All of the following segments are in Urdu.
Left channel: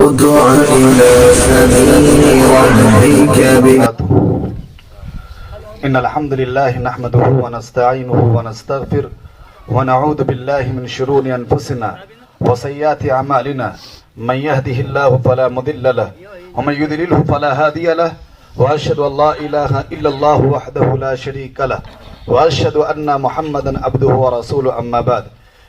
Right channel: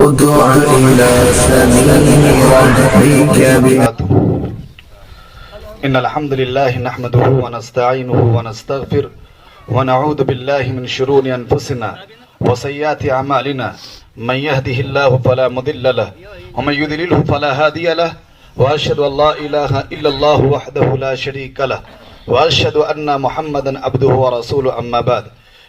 ادع إلى سبيل ربك إن الحمد لله نحمده ونستعينه ونستغفره ونعوذ بالله من شرور أنفسنا وسيئات أعمالنا من يهده الله فلا مضل له ومن يضلله فلا هادي له وأشهد أن لا إله إلا الله وحده لا شريك له وأشهد أن محمدا عبده ورسوله أما بعد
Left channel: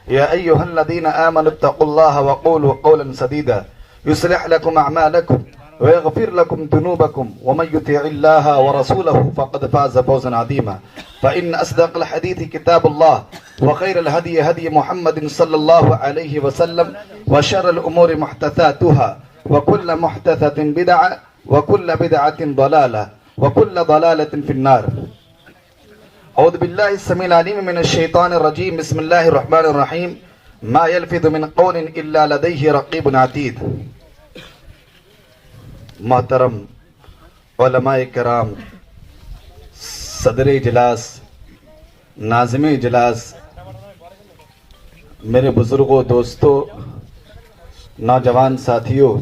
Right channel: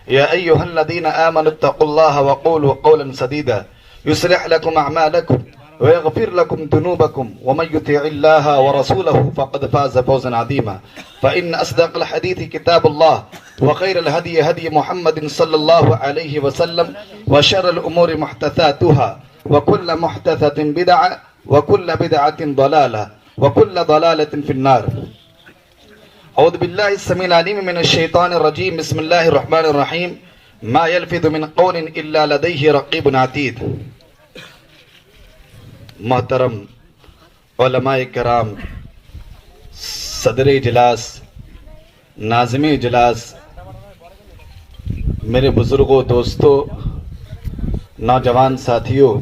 يا أيها الذين آمنوا اتقوا الله وقولوا قولا سديدا يصلح لكم أعمالكم ويغفر لكم ذنوبكم ومن يطع الله ورسوله فقد فاز فوزا عظيما فإن أصدق الحديث كتاب الله وخير الهدي هدي محمد صلى الله عليه وسلم وشر الأمور محدثاتها وكل محدثة بدعة وكل بدعة ضلالة وكل ضلالة في النار. أعوذ بالله السميع العليم من الشيطان الرجيم. بسم الله الرحمن الرحيم. ما يلفظ من قول إلا لديه رقيب عتيد. محترم علماء کرام، صدر اجلاس، ناظم اجلاس، میرے بزرگوں، دوستوں، نوجوان ساتھیوں،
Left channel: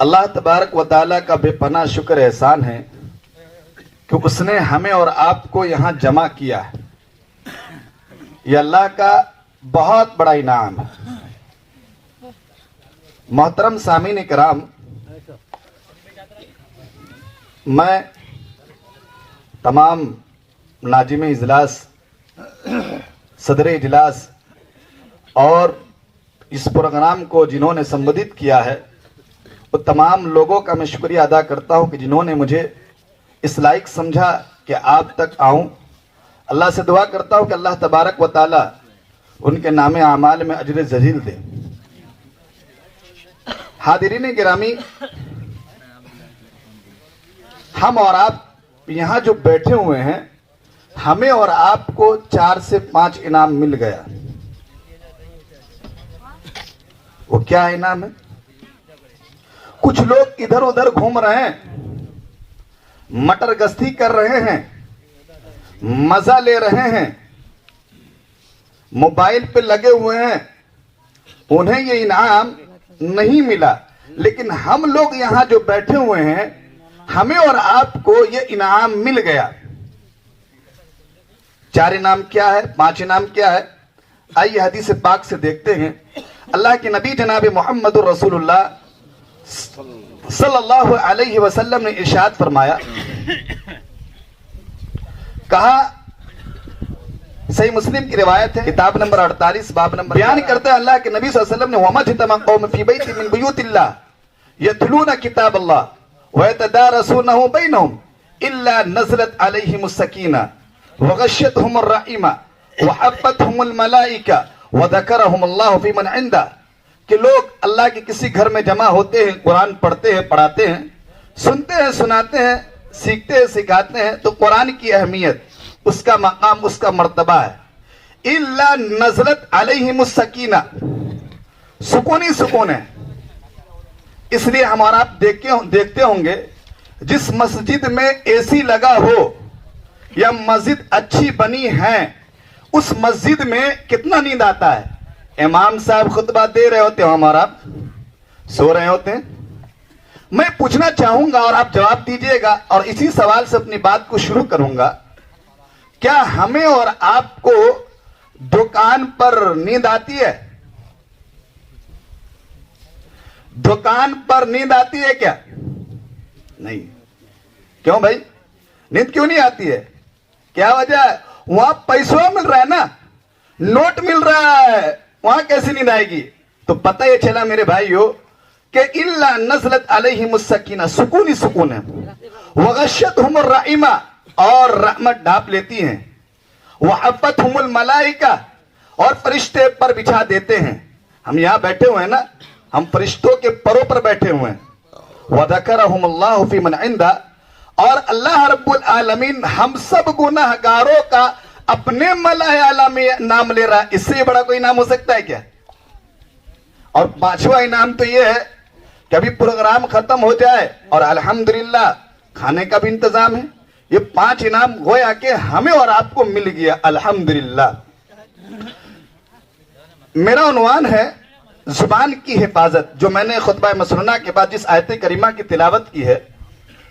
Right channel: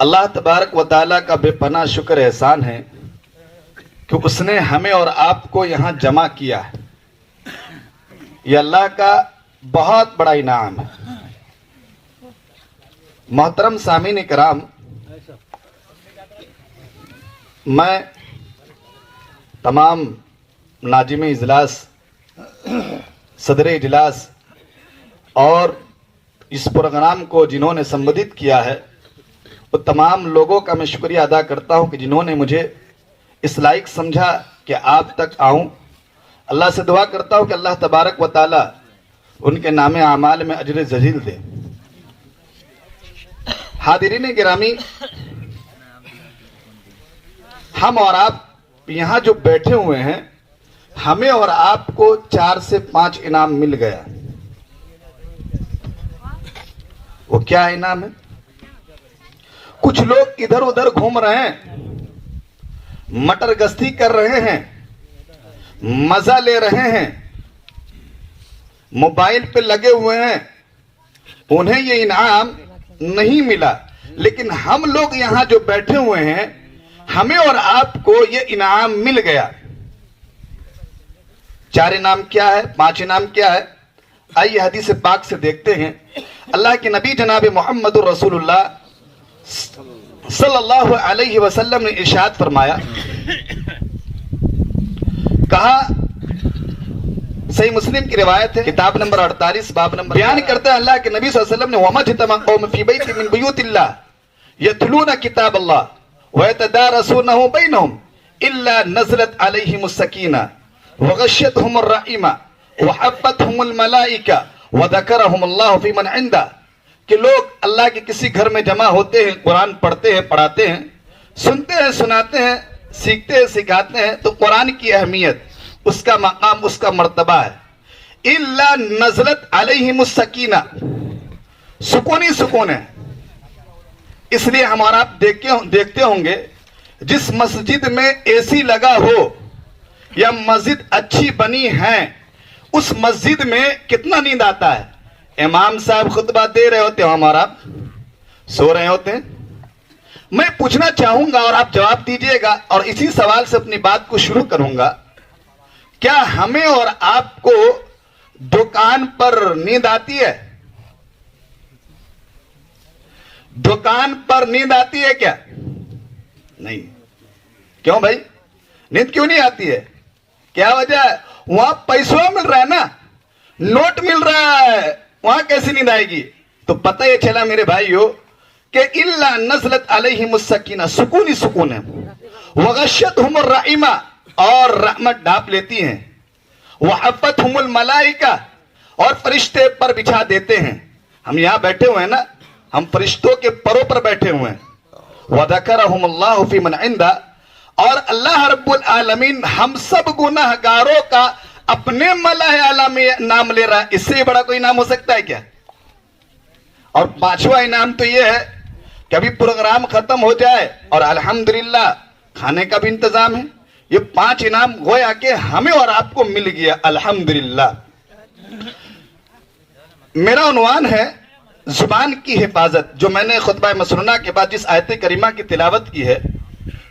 اللہ تبارک و تعالیٰ کا بے پناہ شکر احسان ہے کہ اس نے ہمیں اور آپ کو یہاں جمع کیا ہے. یہ اللہ کا بہت بڑا انعام ہے. محترم سامعین کرام، میں تمام ناظم اجلاس، صدر اجلاس اور اس پروگرام کو جنہوں نے سمبودھت کیا ہے وہ تمام لوگوں کا میں شکریہ ادا کرتا ہوں کہ جنہوں نے مجھے اس لائق سمجھا کہ آپ تک آؤں. اللہ سے دعا کرتا ہوں کہ اللہ تبارک و تعالی ان کے نام اعمال میں اجر جزیل دے. حاضرین گرامی، ہم اور آپ یہاں جو بیٹھے ہوئے ہیں، ہمیں اور آپ کو 4 سے 5 انعام مل گیا. وہ کیا انعام ہے؟ کچھ لوگ ادھر ادھر گھوم رہے ہیں، مٹر گشتی کر رہے ہیں، مزہ لے رہے ہیں، موبائل پہ لگے ہوئے ہیں، انہیں یہ انعام نہیں ملا. لیکن ہم لوگ یہاں جو بیٹھے ہوئے ہیں، ہمیں اور آپ کو یہ انعام مل گیا. 4 انعام کیا ہے؟ 5 انعام کیا ہے؟ آئیے حدیث پاک سے دیکھتے ہیں. اللہ کے نبی جناب محمد رسول اللہ صلی اللہ علیہ وسلم نے ارشاد فرمایا، کہا، صحیح مسلم کی روایت ہے، کتاب نمبر 48 باب نمبر، بیان کرتا ہے اللہ کے نبی صلی اللہ علیہ وسلم نے، وَمَا اجْتَمَعَ قَوْمٌ فِي بَيْتٍ مِّن بُيُوتِ اللَّهِ يَتْلُونَ كِتَابَ اللَّهِ وَيَتَدَارَسُونَهُ بَيْنَهُمْ إِلَّا نَزَلَتْ عَلَيْهِمُ السَّكِينَةُ وَغَشِّيَتْهُمُ الرَّحْمَةُ وَحَفَّتْهُمُ الْمَلَائِكَةُ وَذَكَرَهُمُ اللَّهُ فِي مَنْ عِندَهُ. کہ لوگ اللہ کے کسی گھر میں جمع ہوتے ہیں، قرآن پڑھتے ہیں، پڑھاتے ہیں، سنتے ہیں، سناتے ہیں، سیکھتے ہیں، سکھاتے ہیں، تو قرآن کی اہمیت، اس کا مقام، اس کا مرتبہ ہے. الا نزلت علیہم السکینہ، سکون ہی سکون ہے. اس لیے ہمارا آپ دیکھتے ہوں گے، جس مسجد میں اے سی لگا ہو یا مسجد اچھی بنی ہے، اس مسجد میں کتنا نیند آتا ہے. امام صاحب خطبہ دے رہے ہوتے ہیں، ہمارا سو رہے ہوتے ہیں. میں پوچھنا چاہوں گا اور آپ جواب دیجئے گا، اور اسی سوال سے اپنی بات کو شروع کروں گا. کیا ہمیں اور آپ کو دکان پر نیند آتی ہے؟ دکان پر نیند آتی ہے کیا؟ نہیں. کیوں بھائی نیند کیوں نہیں آتی ہے؟ کیا وجہ ہے؟ وہاں پیسوں مل رہا ہے نا، نوٹ مل رہا ہے، وہاں کیسی نیند آئے گی؟ تو پتہ یہ چلا میرے بھائیو کہ الا نزلت علیہم السکینہ، سکون ہی سکون ہے. وغشیتہم الرحمہ، اور رحمت ڈھانپ لیتی ہیں. وحفتہم الملائکہ، اور فرشتے پر بچھا دیتے ہیں. ہم یہاں بیٹھے ہوئے ہیں نا، ہم فرشتوں کے پروں پر بیٹھے ہوئے ہیں. وذکرہم اللہ فی من عندہ، اور اللہ رب العالمین ہم سب گناہگاروں کا اپنے ملأ اعلیٰ میں نام لے رہا ہے. اس سے بڑا کوئی نام ہو سکتا ہے کیا؟ اور 5واں انعام تو یہ ہے کہ ابھی پروگرام ختم ہو جائے اور الحمدللہ کھانے کا بھی انتظام ہے. یہ 5 انعام گویا کہ ہمیں اور آپ کو مل گیا الحمدللہ. میرا عنوان ہے زبان کی حفاظت، جو میں نے خطبہ مسنونہ کے بعد جس آیت کریمہ کی تلاوت کی ہے،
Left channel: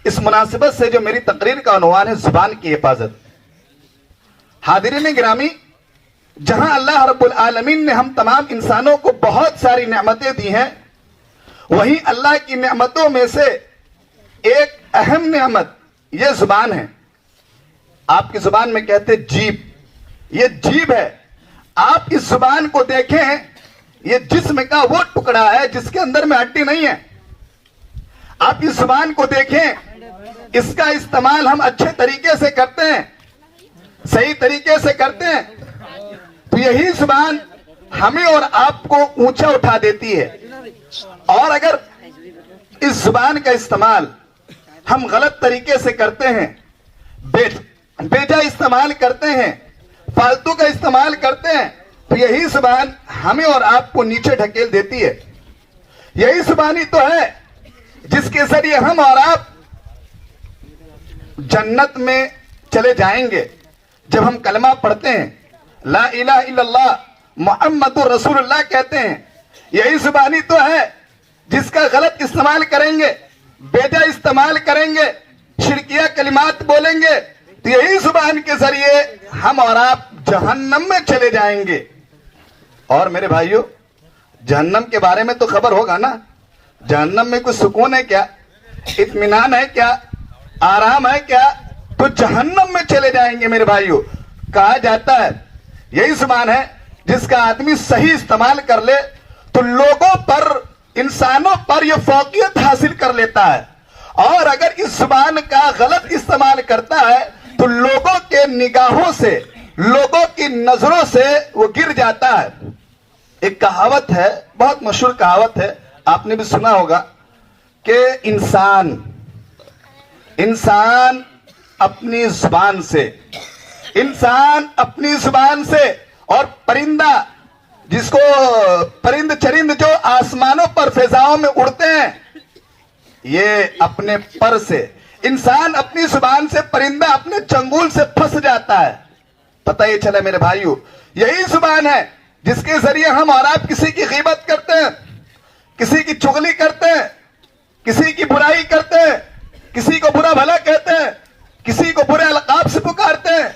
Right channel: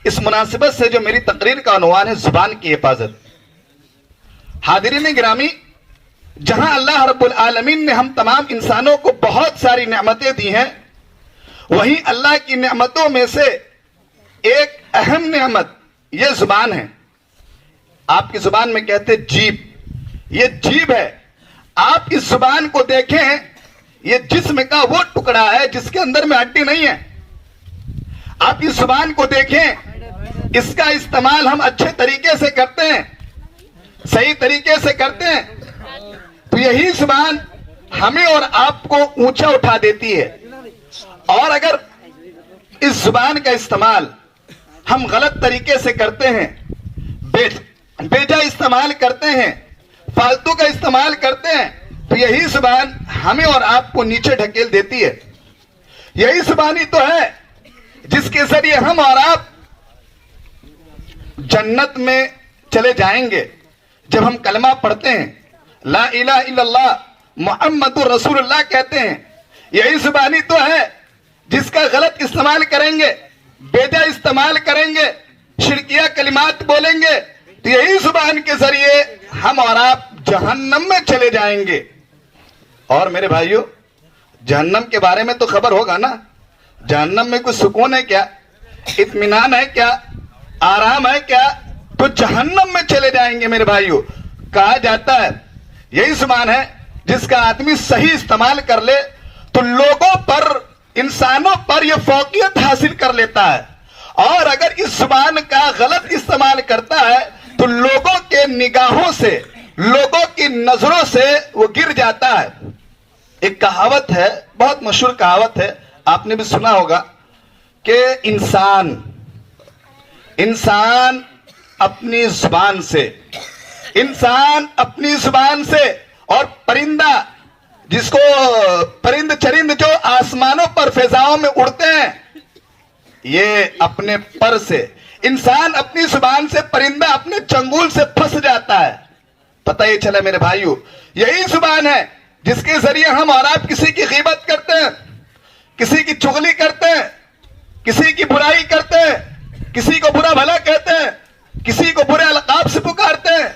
اس مناسبت سے جو میری تقریر کا عنوان ہے زبان کی حفاظت۔ حاضرین گرامی، جہاں اللہ رب العالمین نے ہم تمام انسانوں کو بہت ساری نعمتیں دی ہیں، وہیں اللہ کی نعمتوں میں سے ایک اہم نعمت یہ زبان ہے۔ آپ کی زبان میں کہتے جیب، یہ جیب ہے۔ آپ اس زبان کو دیکھیں، یہ جسم کا وہ ٹکڑا ہے جس کے اندر میں ہڈی نہیں ہے۔ آپ اس زبان کو دیکھیں، اس کا استعمال ہم اچھے طریقے سے کرتے ہیں، صحیح طریقے سے کرتے ہیں، تو یہی زبان ہمیں اور آپ کو اونچا اٹھا دیتی ہے۔ اور اگر اس زبان کا استعمال ہم غلط طریقے سے کرتے ہیں، بیجا استعمال کرتے ہیں، فالتو کا استعمال کرتے ہیں، تو یہی زبان ہمیں اور آپ کو نیچے ڈھکیل دیتی ہے۔ یہی زبان ہی تو ہے جس کے ذریعے ہم اور آپ جنت میں چلے جائیں گے۔ جب ہم کلمہ پڑھتے ہیں، لا الہ الا اللہ محمد رسول اللہ کہتے ہیں، یہی زبان ہی تو ہے جس کا غلط استعمال کریں گے، بیجا استعمال کریں گے، شرکیہ کلمات بولیں گے، تو یہی زبان کے ذریعے ہم اور آپ جہنم میں چلے جائیں گے۔ اور میرے بھائیو، جہنم کے بارے میں تو خبر ہوگا نا؟ جہنم میں کوئی سکون ہے کیا؟ اطمینان ہے کیا؟ آرام ہے کیا؟ تو جہنم میں چلے جائیں گے میرے بھائیو۔ کہا جاتا ہے یہی زبان ہے جس کا آدمی صحیح استعمال کر لے تو لوگوں پر، انسانوں پر یہ فوقیت حاصل کر لیتا ہے، اور اگر اس زبان کا غلط استعمال کرتا ہے تو لوگوں کے نگاہوں سے، لوگوں کی نظروں سے وہ گر جاتا ہے۔ ایک کہاوت ہے، بہت مشہور کہاوت ہے، آپ نے بھی سنا ہوگا کہ انسان اپنی زبان سے، انسان اپنی زبان سے، اور پرندہ، جس کو پرند چرند جو آسمانوں پر فضاؤں میں اڑتے ہیں، یہ اپنے پر سے، انسان اپنی زبان سے، پرندہ اپنے چنگول سے پھنس جاتا ہے۔ پتہ یہ چلا میرے بھائیو، یہی زبان ہے جس کے ذریعے ہم اور آپ کسی کی غیبت کرتے ہیں، کسی کی چغلی کرتے ہیں، کسی کی برائی کرتے ہیں، کسی کو برا بھلا کہتے ہیں، کسی کو برے القاب سے پکارتے ہیں،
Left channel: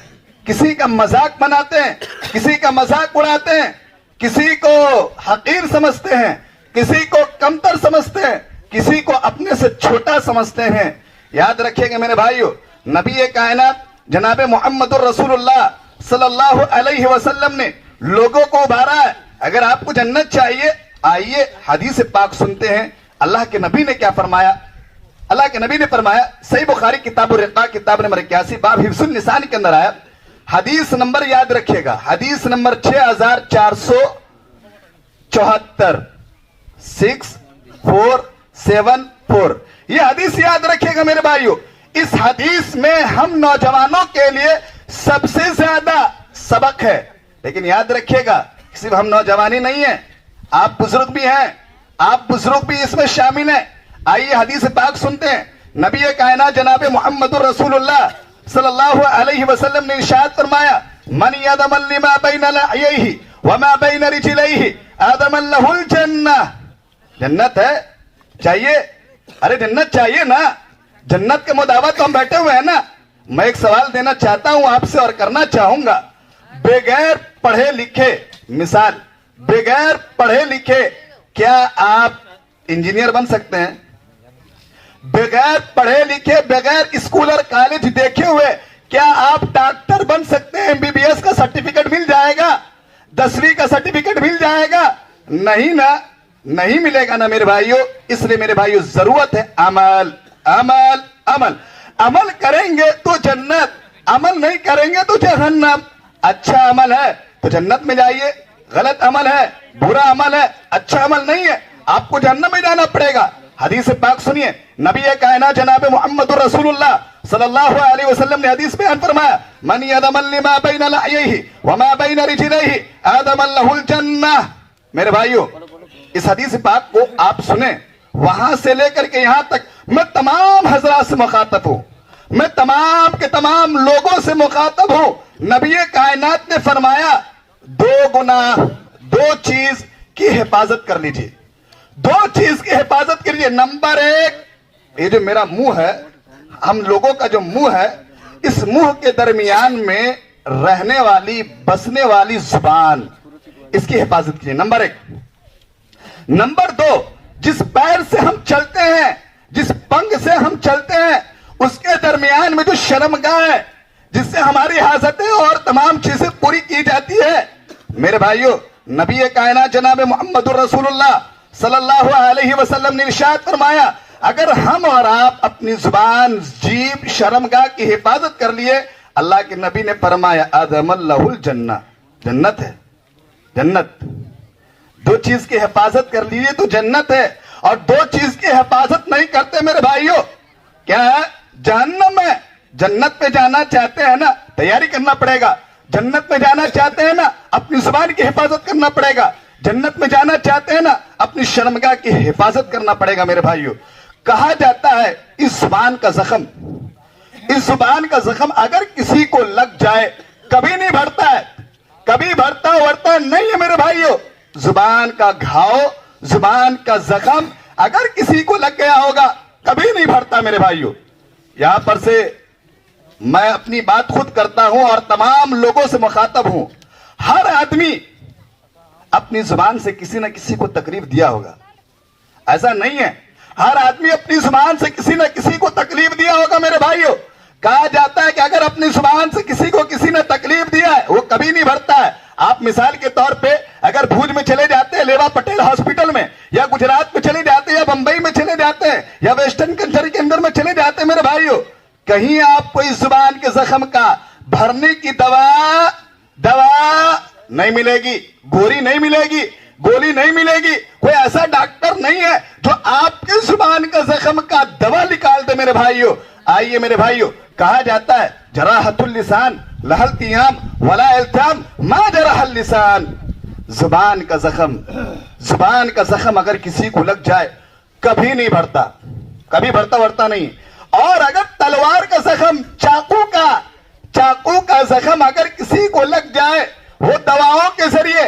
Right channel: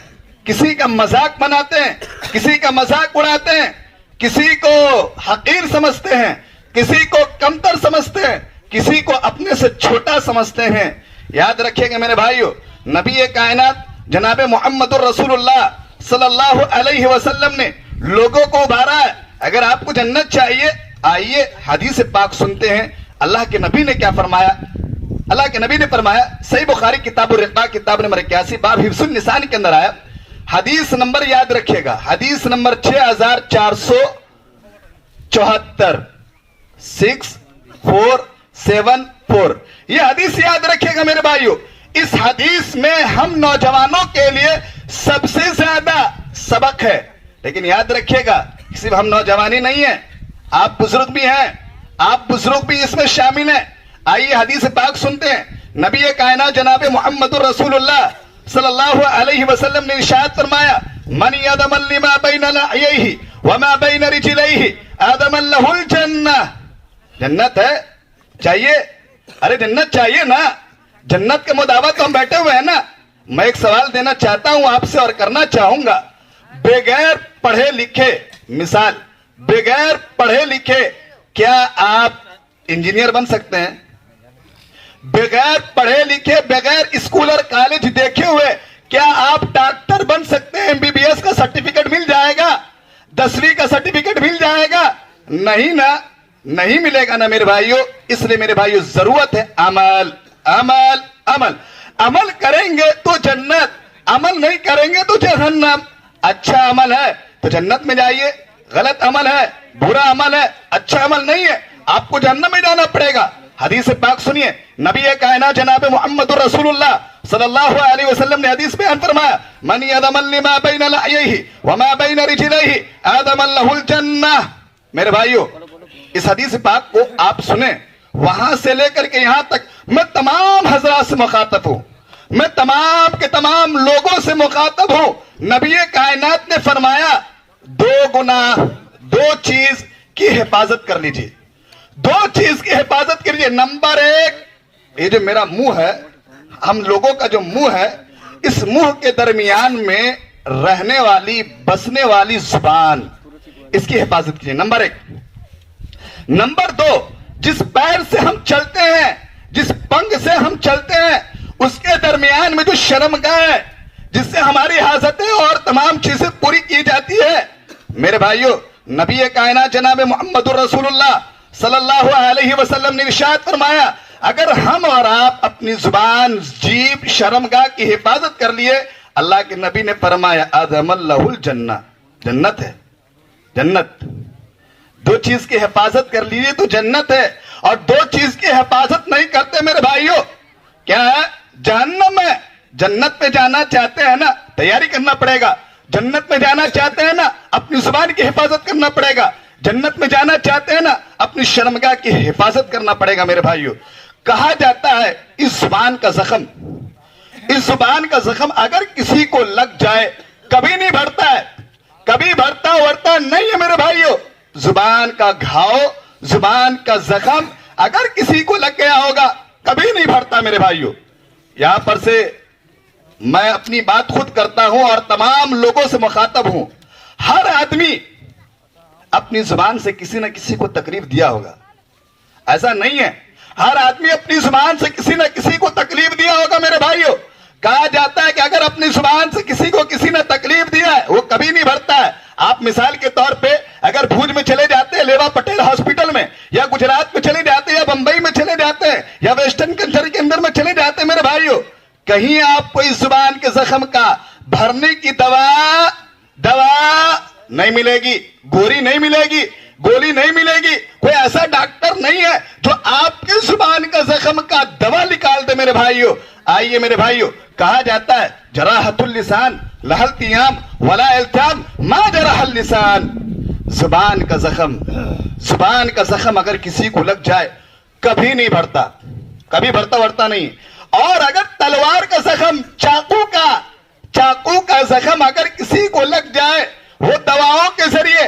کسی کا مذاق بناتے ہیں، کسی کا مذاق اڑاتے ہیں، کسی کو حقیر سمجھتے ہیں، کسی کو کمتر سمجھتے ہیں، کسی کو اپنے سے چھوٹا سمجھتے ہیں۔ یاد رکھیں گے میرے بھائیو، نبی کائنات جناب محمد الرسول اللہ صلی اللہ علیہ وسلم نے لوگوں کو ابھارا ہے۔ اگر آپ کو جنت چاہیے، آئیے حدیث پاک سنتے ہیں اللہ کے نبی نے کیا فرمایا۔ اللہ کے نبی نے فرمایا، صحیح بخاری کتاب الرقاق کتاب نمبر 81 باب حفظ النسان کے اندر آیا، حدیث نمبر یاد رکھیے گا، حدیث نمبر 6474، 6474، یہ حدیث یاد رکھیے گا میرے بھائیو۔ اس حدیث میں ہم نوجوانوں کے لیے سب سے زیادہ سبق ہے، لیکن یاد رکھیے گا صرف ہم نوجوانی نہیں ہیں، آپ بزرگ بھی ہیں، آپ بزرگ بھی اس میں شامل ہیں۔ آئیے حدیث پاک سنتے ہیں۔ نبی کائنات جناب محمد الرسول اللہ صلی اللہ علیہ وسلم نے ارشاد فرمایا، من یدم لما بین لحییہ وما بین رجلیہ آدم لہ الجنہ۔ جنت ہے چاہیے؟ ارے جنت چاہیے نا، جنت کے مدعوت تو ہم بیٹھے ہوئے ہیں نا۔ میں ایک سوال دینا چاہتا ہوں آپ سے اور کرنا چاہوں گا، بغیر پڑھے لکھے، مثال بغیر پڑھے لکھے کیا آپ انجینئر بن سکتے ہیں؟ بغیر پڑھے لکھے، بغیر اسکول اور کالج دیکھے ہوئے کیا آپ ڈاکٹر بن سکتے ہیں؟ MBBS کا سرٹیفکیٹ مل جائے گا؟ 10ویں کا سرٹیفکیٹ مل جائے گا؟ نہیں نا، نہیں ملے گا نا میرے بھائیو۔ اس لیے میرے بھائیو ضرورت ہے عمل، عمل، عمل۔ عمل کریں گے تو جنت، عمل نہیں کریں گے تو جہنم۔ اچھا عمل ہے تو جنت میں جائیے، غلط عمل ہے، برا عمل ہے، اچھا عمل نہیں ہے، آپ کو جہنم میں جانا پڑے گا۔ حدیث پاک سنیے، نبی کائنات جناب محمد رسول اللہ صلی اللہ علیہ وسلم نے حدیث بیان فرمایا، من یدم لما بین لحییہ وما بین رجلیہ آدم لہ الجنہ۔ میرے بھائیو، اس حدیث پاک کو آپ سنیں، وہاں سے لے کر کے یہاں تک میں تمام حضرات سے مخاطب ہوں، میں تمام کے تمام لوگوں سے مخاطب ہوں۔ نبی کائنات نے فرمایا، دو گناہ، دو چیز کی حفاظت کر لیجیے, 2 چیز کی حفاظت کر لیجیے. نمبر 1, یہ جو میرا منہ ہے, ہم لوگوں کا جو منہ ہے, اس منہ کے درمیان میں رہنے والی بسنے والی زبان, اس کی حفاظت کیجیے. نمبر 1. نمبر 2, جس پیر سے ہم چلتے ہیں, جس پنگ سے ہم چلتے ہیں, اس کے درمیان میں جو شرمگاہ ہے جس سے ہماری حاجتیں اور تمام چیزیں پوری کی جاتی ہے. میرے بھائیو, نبی کائنات جناب محمد الرسول اللہ صلی اللہ علیہ وسلم نے ارشاد فرمایا, اگر ہم اور آپ اپنی زبان, جیب, شرمگاہ کی حفاظت کر لیے, اللہ کے نبی نے فرمایا اعظم اللہ الجنہ, جنت ہے, جنت. 2 چیز کی حفاظت کر لیجیے تو جنت ہے, اور 2 چیز کی حفاظت نہیں کرتے میرے بھائیو, کیا ہے؟ جہنم ہے. جنت میں جانا چاہتے ہیں نا, تیاری کرنا پڑے گا. جنت میں جانا چاہتے ہیں نا, اپنی زبان کی حفاظت کرنا پڑے گا. جنت میں جانا چاہتے ہیں نا, اپنی شرمگاہ کی حفاظت کرنا پڑے گا میرے بھائیو. کہا جاتا ہے اس زبان کا زخم, اس زبان کا زخم اگر کسی کو لگ جائے کبھی نہیں بھرتا ہے, کبھی بھرتا نہیں ہے میرے بھائیو. زبان کا گھاؤ, زبان کا زخم اگر کسی کو لگ گیا ہوگا کبھی نہیں بھرتا میرے بھائیو. یہاں پر سے میں اپنی بات خود کرتا ہوں اور تمام لوگوں سے مخاطب ہوں. ہر آدمی اپنی زبان سے کسی نہ کسی کو تکلیف دیا ہوگا, ایسا نہیں ہے. ہر آدمی اپنی زبان سے کسی نہ کسی کو تکلیف دیا ہوگا میرے بھائیو. کہا جاتا ہے کہ اگر اپنی زبان سے کسی کو کسی نے تکلیف دیا ہے وہ کبھی نہیں بھرتا ہے. آپ مثال کے طور پہ اگر بھوج میں چلے جاتے ہیں لیوا پٹیل ہاسپٹل میں, یا گجرات میں چلے جاتے ہیں, یا بمبئی میں چلے جاتے ہیں, یا ویسٹرن کنٹری کے اندر میں چلے جاتے ہیں میرے بھائیو, کہیں آپ کو اس زبان کے زخم کا بھرنے کی دوا نہیں ملے گی, گوری نہیں ملے گی, گولی نہیں ملے گی. کوئی ایسا ڈاکٹر نہیں ہے جو آپ کی زبان کا زخم کا دوا نکال دے میرے بھائیو. آئیے میرے بھائیو, کہا جاتا ہے جراحت اللسان لہا التیام ولا التیام ما جرح اللسان. زبان کا زخم, زبان کا زخم اگر کسی کو لگ جائے کبھی نہیں بھرتا, کبھی بھرتا نہیں. اور اگر تلوار کا زخم, چاقو کا زخم اگر کسی کو لگ جائے, وہ دواؤں کے ذریعے,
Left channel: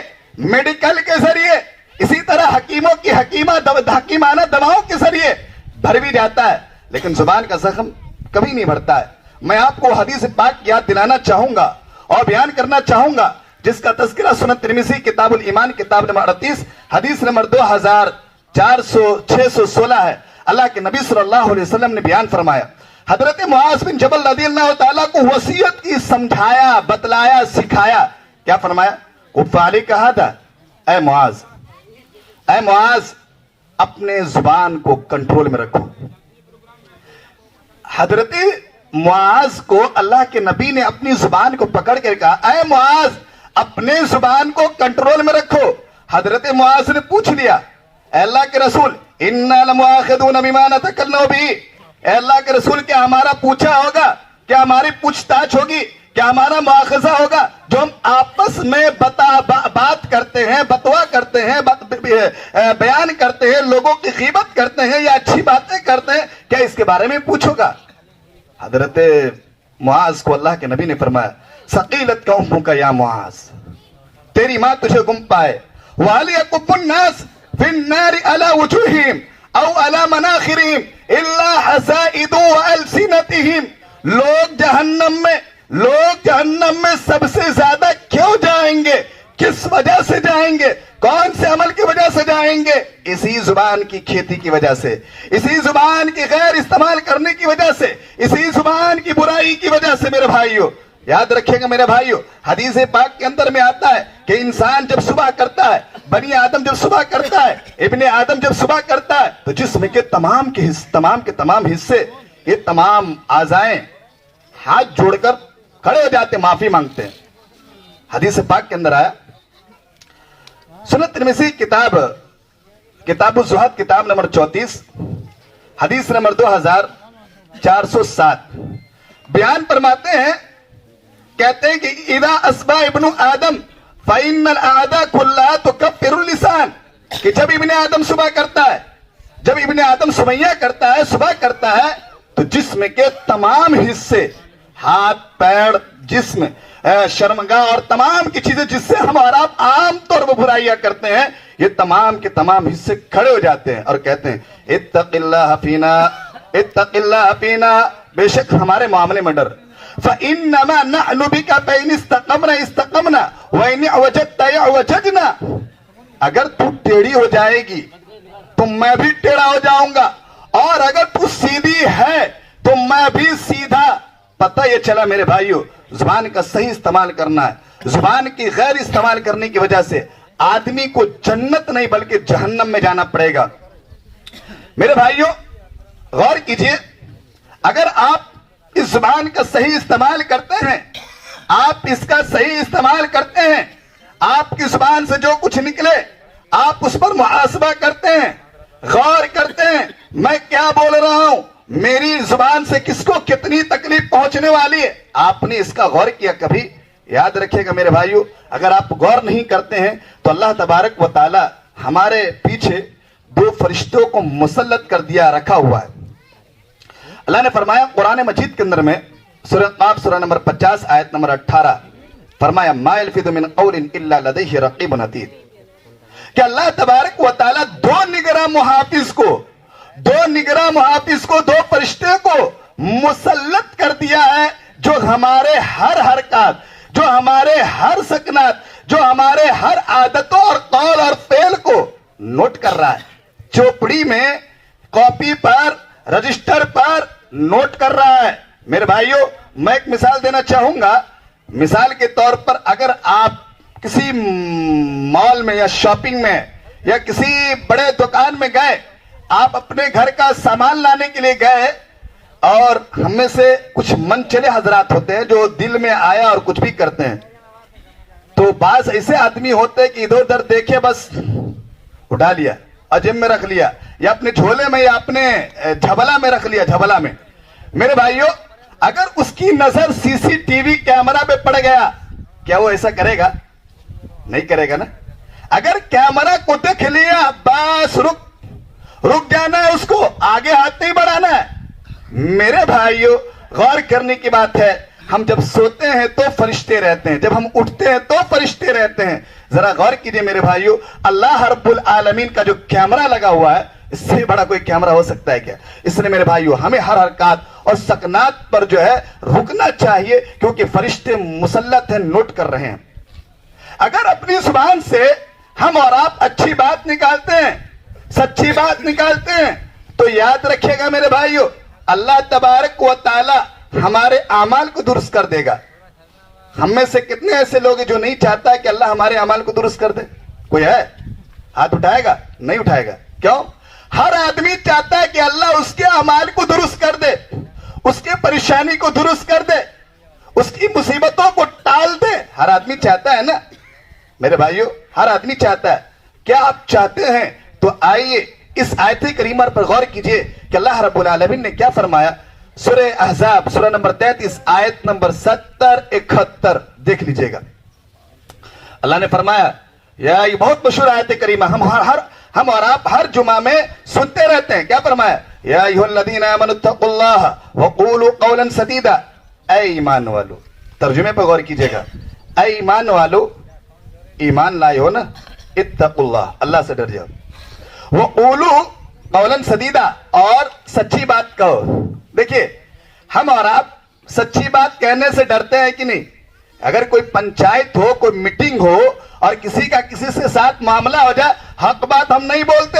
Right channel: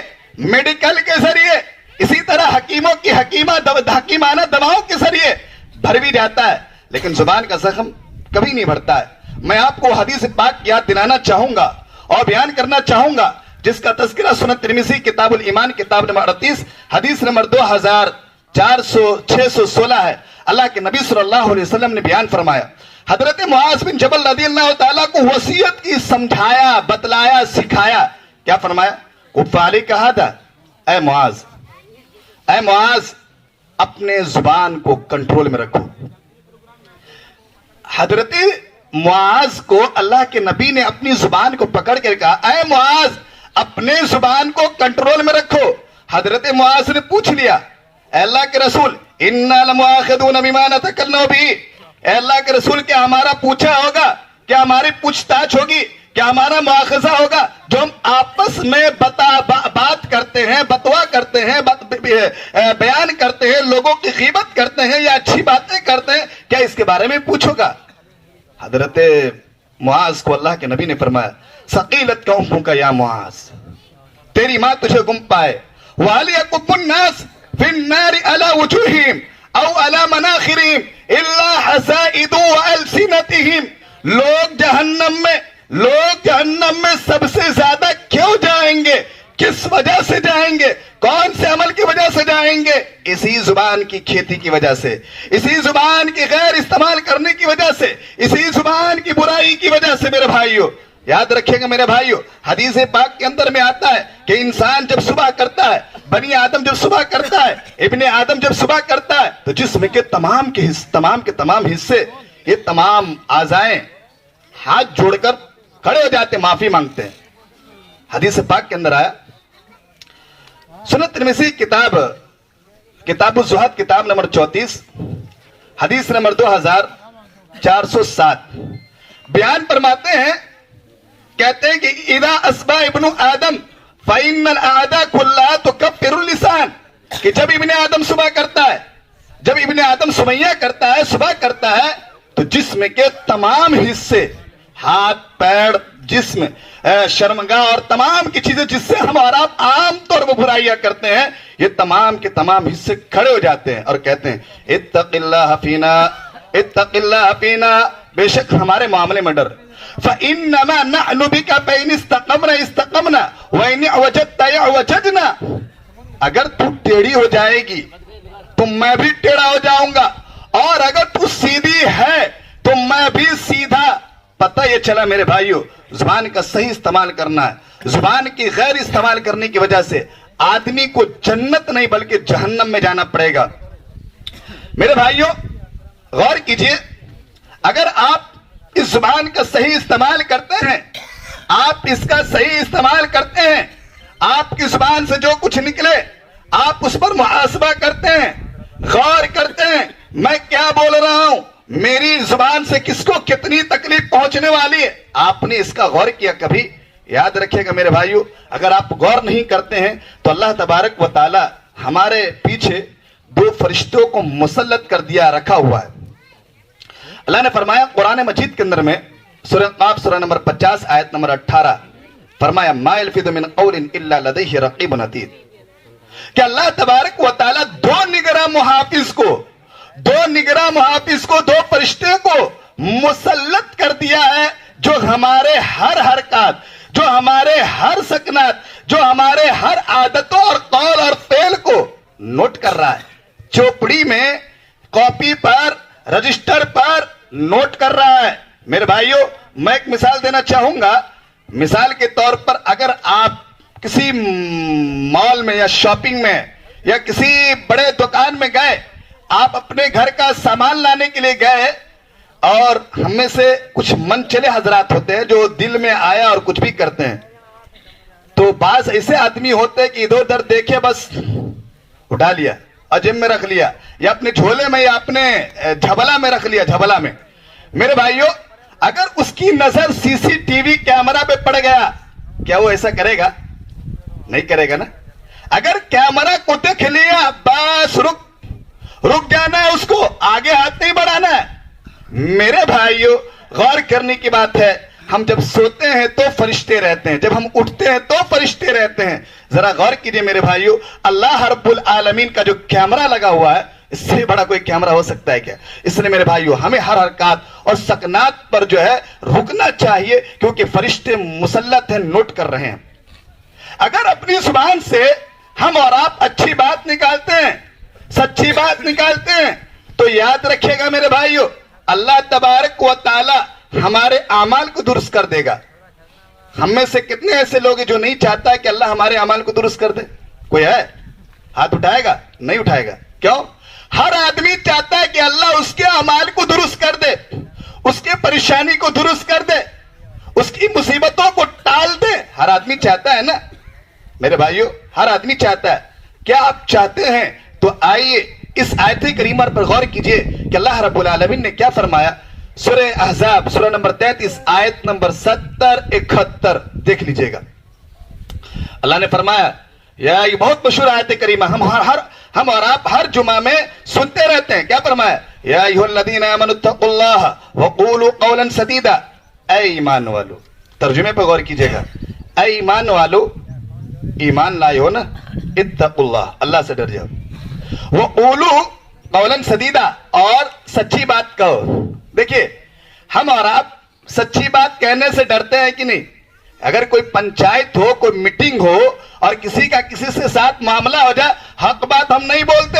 میڈیکل کے ذریعے, اسی طرح حکیموں کی حکیمانہ دواؤں کے ذریعے بھر بھی جاتا ہے, لیکن زبان کا زخم کبھی نہیں بھرتا ہے. میں آپ کو حدیث پاک یاد دلانا چاہوں گا اور بیان کرنا چاہوں گا, جس کا تذکرہ سنن ترمذی کتاب الایمان کتاب نمبر 38 حدیث نمبر 2416 ہے. اللہ کے نبی صلی اللہ علیہ وسلم نے بیان فرمایا, حضرت معاذ بن جبل رضی اللہ تعالیٰ کو وصیت کی سمجھایا, بتلایا, سکھایا. کیا فرمایا؟ کفاری کہا تھا, اے معاذ اپنے زبان کو کنٹرول میں رکھو. حضرت معاذ کو اللہ کے نبی نے اپنی زبان کو پکڑ کے کہا, اے معاذ اپنے زبان کو کنٹرول میں رکھو. حضرت معاذ نے پوچھ لیا, اے اللہ کے رسول انا لمؤاخذون بما نتکلم به, اے اللہ کے رسول کیا ہمارا پوچھا ہوگا, کیا ہماری پوچھ تاچھ ہوگی, کیا ہمارا مواخذہ ہوگا جو ہم آپس میں بات کرتے ہیں, بتوا کرتے ہیں, بیان کرتے ہیں, لوگوں کی غیبت کرتے ہیں یا اچھی باتیں کرتے ہیں, کیا اس کے بارے میں پوچھو گا؟ حضرت معاذ کو اللہ کے نبی نے فرمایا, ثقیلت قومک یا معاذ, تیری ماں تجھے گم پائے. وَهَلْ يَكُبُّ النَّاسِ فِي النَّارِ عَلَى وُجُوهِهِمْ أَوْ عَلَى مَنَاخِرِهِمْ إِلَّا حَسَائِدُ وَأَلْسِنَتِهِمْ. لوگ جہنم میں سب سے زیادہ کیوں جائیں گے, کس وجہ سے جائیں گے, کون سے عمل کی وجہ سے جائیں گے؟ اسی زبان کی کھیتی کی وجہ سے, اسی زبان کی غیر استعمال کرنے کی وجہ سے, اسی زبان کی برائی کی وجہ سے. میرے بھائیو یاد رکھیں گا میرے بھائیو, حدیث پاک کے اندر میں آتا ہے کہ انسان جب صبح کرتا ہے, بنی آدم جب صبح کرتا ہے, ابن آدم جب صبح کرتا ہے, تو جسم کے تمام کے تمام حصے, یہ تمام اعضائیں ہاتھ جوڑ کر کھڑے ہو جاتے, معافی مانگتے ہیں. حدیث پاک کے اندر آیا, سنن ترمذی کتاب الزہد کتاب نمبر 34 حدیث نمبر 2407 بیان فرماتے ہیں, کہتے ہیں کہ اذا اصبح ابن آدم فإن الأعداء كلها تكفر اللسان, کہ جب ابن آدم صبح کرتا ہے, جب ابن آدم سمیہ کرتا ہے, صبح کرتا ہے, تو جسم کے تمام حصے ہاتھ پیر جسم شرمگاہ اور تمام کی چیزیں جس سے ہم اور آپ عام طور پر برائیاں کرتے ہیں، یہ تمام کے تمام حصے کھڑے ہو جاتے ہیں اور کہتے ہیں اتق اللہ فینا، اتق اللہ فینا، بے شک ہمارے معاملے میں ڈر. فإنما نحن بك فإن استقمنا استقمنا وإن اعوججت اعوججنا. اگر تو ٹیڑھی ہو جائے گی تو میں بھی ٹیڑھا ہو جاؤں گا، اور اگر تو سیدھی ہے تو میں بھی سیدھا. پتہ یہ چلا میرے بھائیو، زبان کا صحیح استعمال کرنا ہے. زبان کی غیر استعمال کرنے کی وجہ سے آدمی کو جنت نہیں بلکہ جہنم میں جانا پڑے گا. میرے بھائیو غور کیجئے، اگر آپ اس زبان کا صحیح استعمال کرتے ہیں، آپ اس کا صحیح استعمال کرتے ہیں، آپ کی زبان سے جو کچھ نکلے آپ اس پر محاسبہ کرتے ہیں، غور کرتے ہیں میں کیا بول رہا ہوں، میری زبان سے کس کو کتنی تکلیف پہنچنے والی ہے. آپ نے اس کا غور کیا کبھی؟ یاد رکھیے گا میرے بھائیو، اگر آپ غور نہیں کرتے ہیں تو اللہ تبارک و تعالی ہمارے پیچھے 2 فرشتوں کو مسلط کر دیا رکھا ہوا ہے. اللہ نے فرمایا قرآن مجید کے اندر میں سورہ قاف سورہ نمبر 50 آیت نمبر 18 فرمایا ما یلفظ من قول الا لدیہ رقیب عتید، کہ اللہ تبارک و تعالی 2 نگراں محافظ کو 2 فرشتے کو مسلط کر دیا ہے، جو ہمارے ہر حرکات، جو ہمارے ہر سکنات، جو ہمارے ہر عادتوں اور قول اور فعل کو نوٹ کر رہا ہے. چوپڑی میں، کاپی پر، رجسٹر پر نوٹ کر رہا ہے. میرے بھائیو میں ایک مثال دینا چاہوں گا. مثال کے طور پر اگر آپ کسی مال میں یا شاپنگ میں یا کسی بڑے دکان میں گئے، آپ اپنے گھر کا سامان لانے کے لیے گئے، اور ہم میں سے کچھ من چلے حضرات ہوتے ہیں جو دل میں آیا اور کچھ بھی کرتے ہیں. تو بعض ایسے آدمی ہوتے ہیں کہ ادھر ادھر دیکھے بس اٹھا لیا اور جیب میں رکھ لیا، یا اپنے جھولے میں یا اپنے جھبلا میں رکھ لیا، جھبلا میں. میرے بھائیو اگر اس کی نظر سی سی ٹی وی کیمرہ پہ پڑ گیا، کیا وہ ایسا کرے گا؟ نہیں کرے گا نا. اگر کیمرہ کو دیکھ لیا بس رک جانا ہے، اس کو آگے ہاتھ نہیں بڑھانا ہے. میرے بھائیو غور کرنے کی بات ہے، ہم جب سوتے ہیں تو فرشتے رہتے ہیں، جب ہم اٹھتے ہیں تو فرشتے رہتے ہیں. ذرا غور کیجئے میرے بھائیو، اللہ رب العالمین کا جو کیمرہ لگا ہوا ہے، اس سے بڑا کوئی کیمرہ ہو سکتا ہے کیا؟ اس نے میرے بھائیو ہمیں ہر حرکات اور سکنات پر جو ہے رکنا چاہیے، کیونکہ فرشتے مسلط ہیں، نوٹ کر رہے ہیں. اگر اپنی زبان سے ہم اور آپ اچھی بات نکالتے ہیں، سچی بات نکالتے ہیں، تو یاد رکھیے گا میرے بھائیو اللہ تبارک و تعالی ہمارے اعمال کو درست کر دے گا. ہم میں سے کتنے ایسے لوگ ہیں جو نہیں چاہتا کہ اللہ ہمارے اعمال کو درست کر دے؟ کوئی ہے؟ ہاتھ اٹھائے گا؟ نہیں اٹھائے گا. کیوں؟ ہر آدمی چاہتا ہے کہ اللہ اس کے اعمال کو درست کر دے، اس کے پریشانی کو درست کر دے، اس کی مصیبتوں کو ٹال دے. ہر آدمی چاہتا ہے نا میرے بھائیو، ہر آدمی چاہتا ہے. کیا آپ چاہتے ہیں؟ تو آئیے اس آیت کریمہ پر غور کیجئے کہ اللہ رب العالمین نے کیا فرمایا. سورہ احزاب سورہ نمبر 33 آیت نمبر 70-71 دیکھ لیجئے گا. اللہ نے فرمایا، یہ بہت مشہور آیت کریمہ، ہم اور آپ ہر جمعہ میں سنتے رہتے ہیں. کیا فرمایا؟ یا ایھا الذین آمنوا اتقوا اللہ وقولوا قولا سدیدا. اے ایمان والو، ترجمے پر غور کیجئے گا. اے ایمان والو، ایمان لائے ہو نا، اتقوا اللہ، اللہ سے ڈر جاؤ. وقولوا قولا سدیدا، اور سچی بات کہو. دیکھیے ہم اور آپ سچی بات کہنے سے ڈرتے ہیں کہ نہیں؟ اگر کوئی پنچایت ہو، کوئی میٹنگ ہو اور کسی کا کسی سے ساتھ معاملہ ہو جائے، حق بات ہم نہیں بولتے،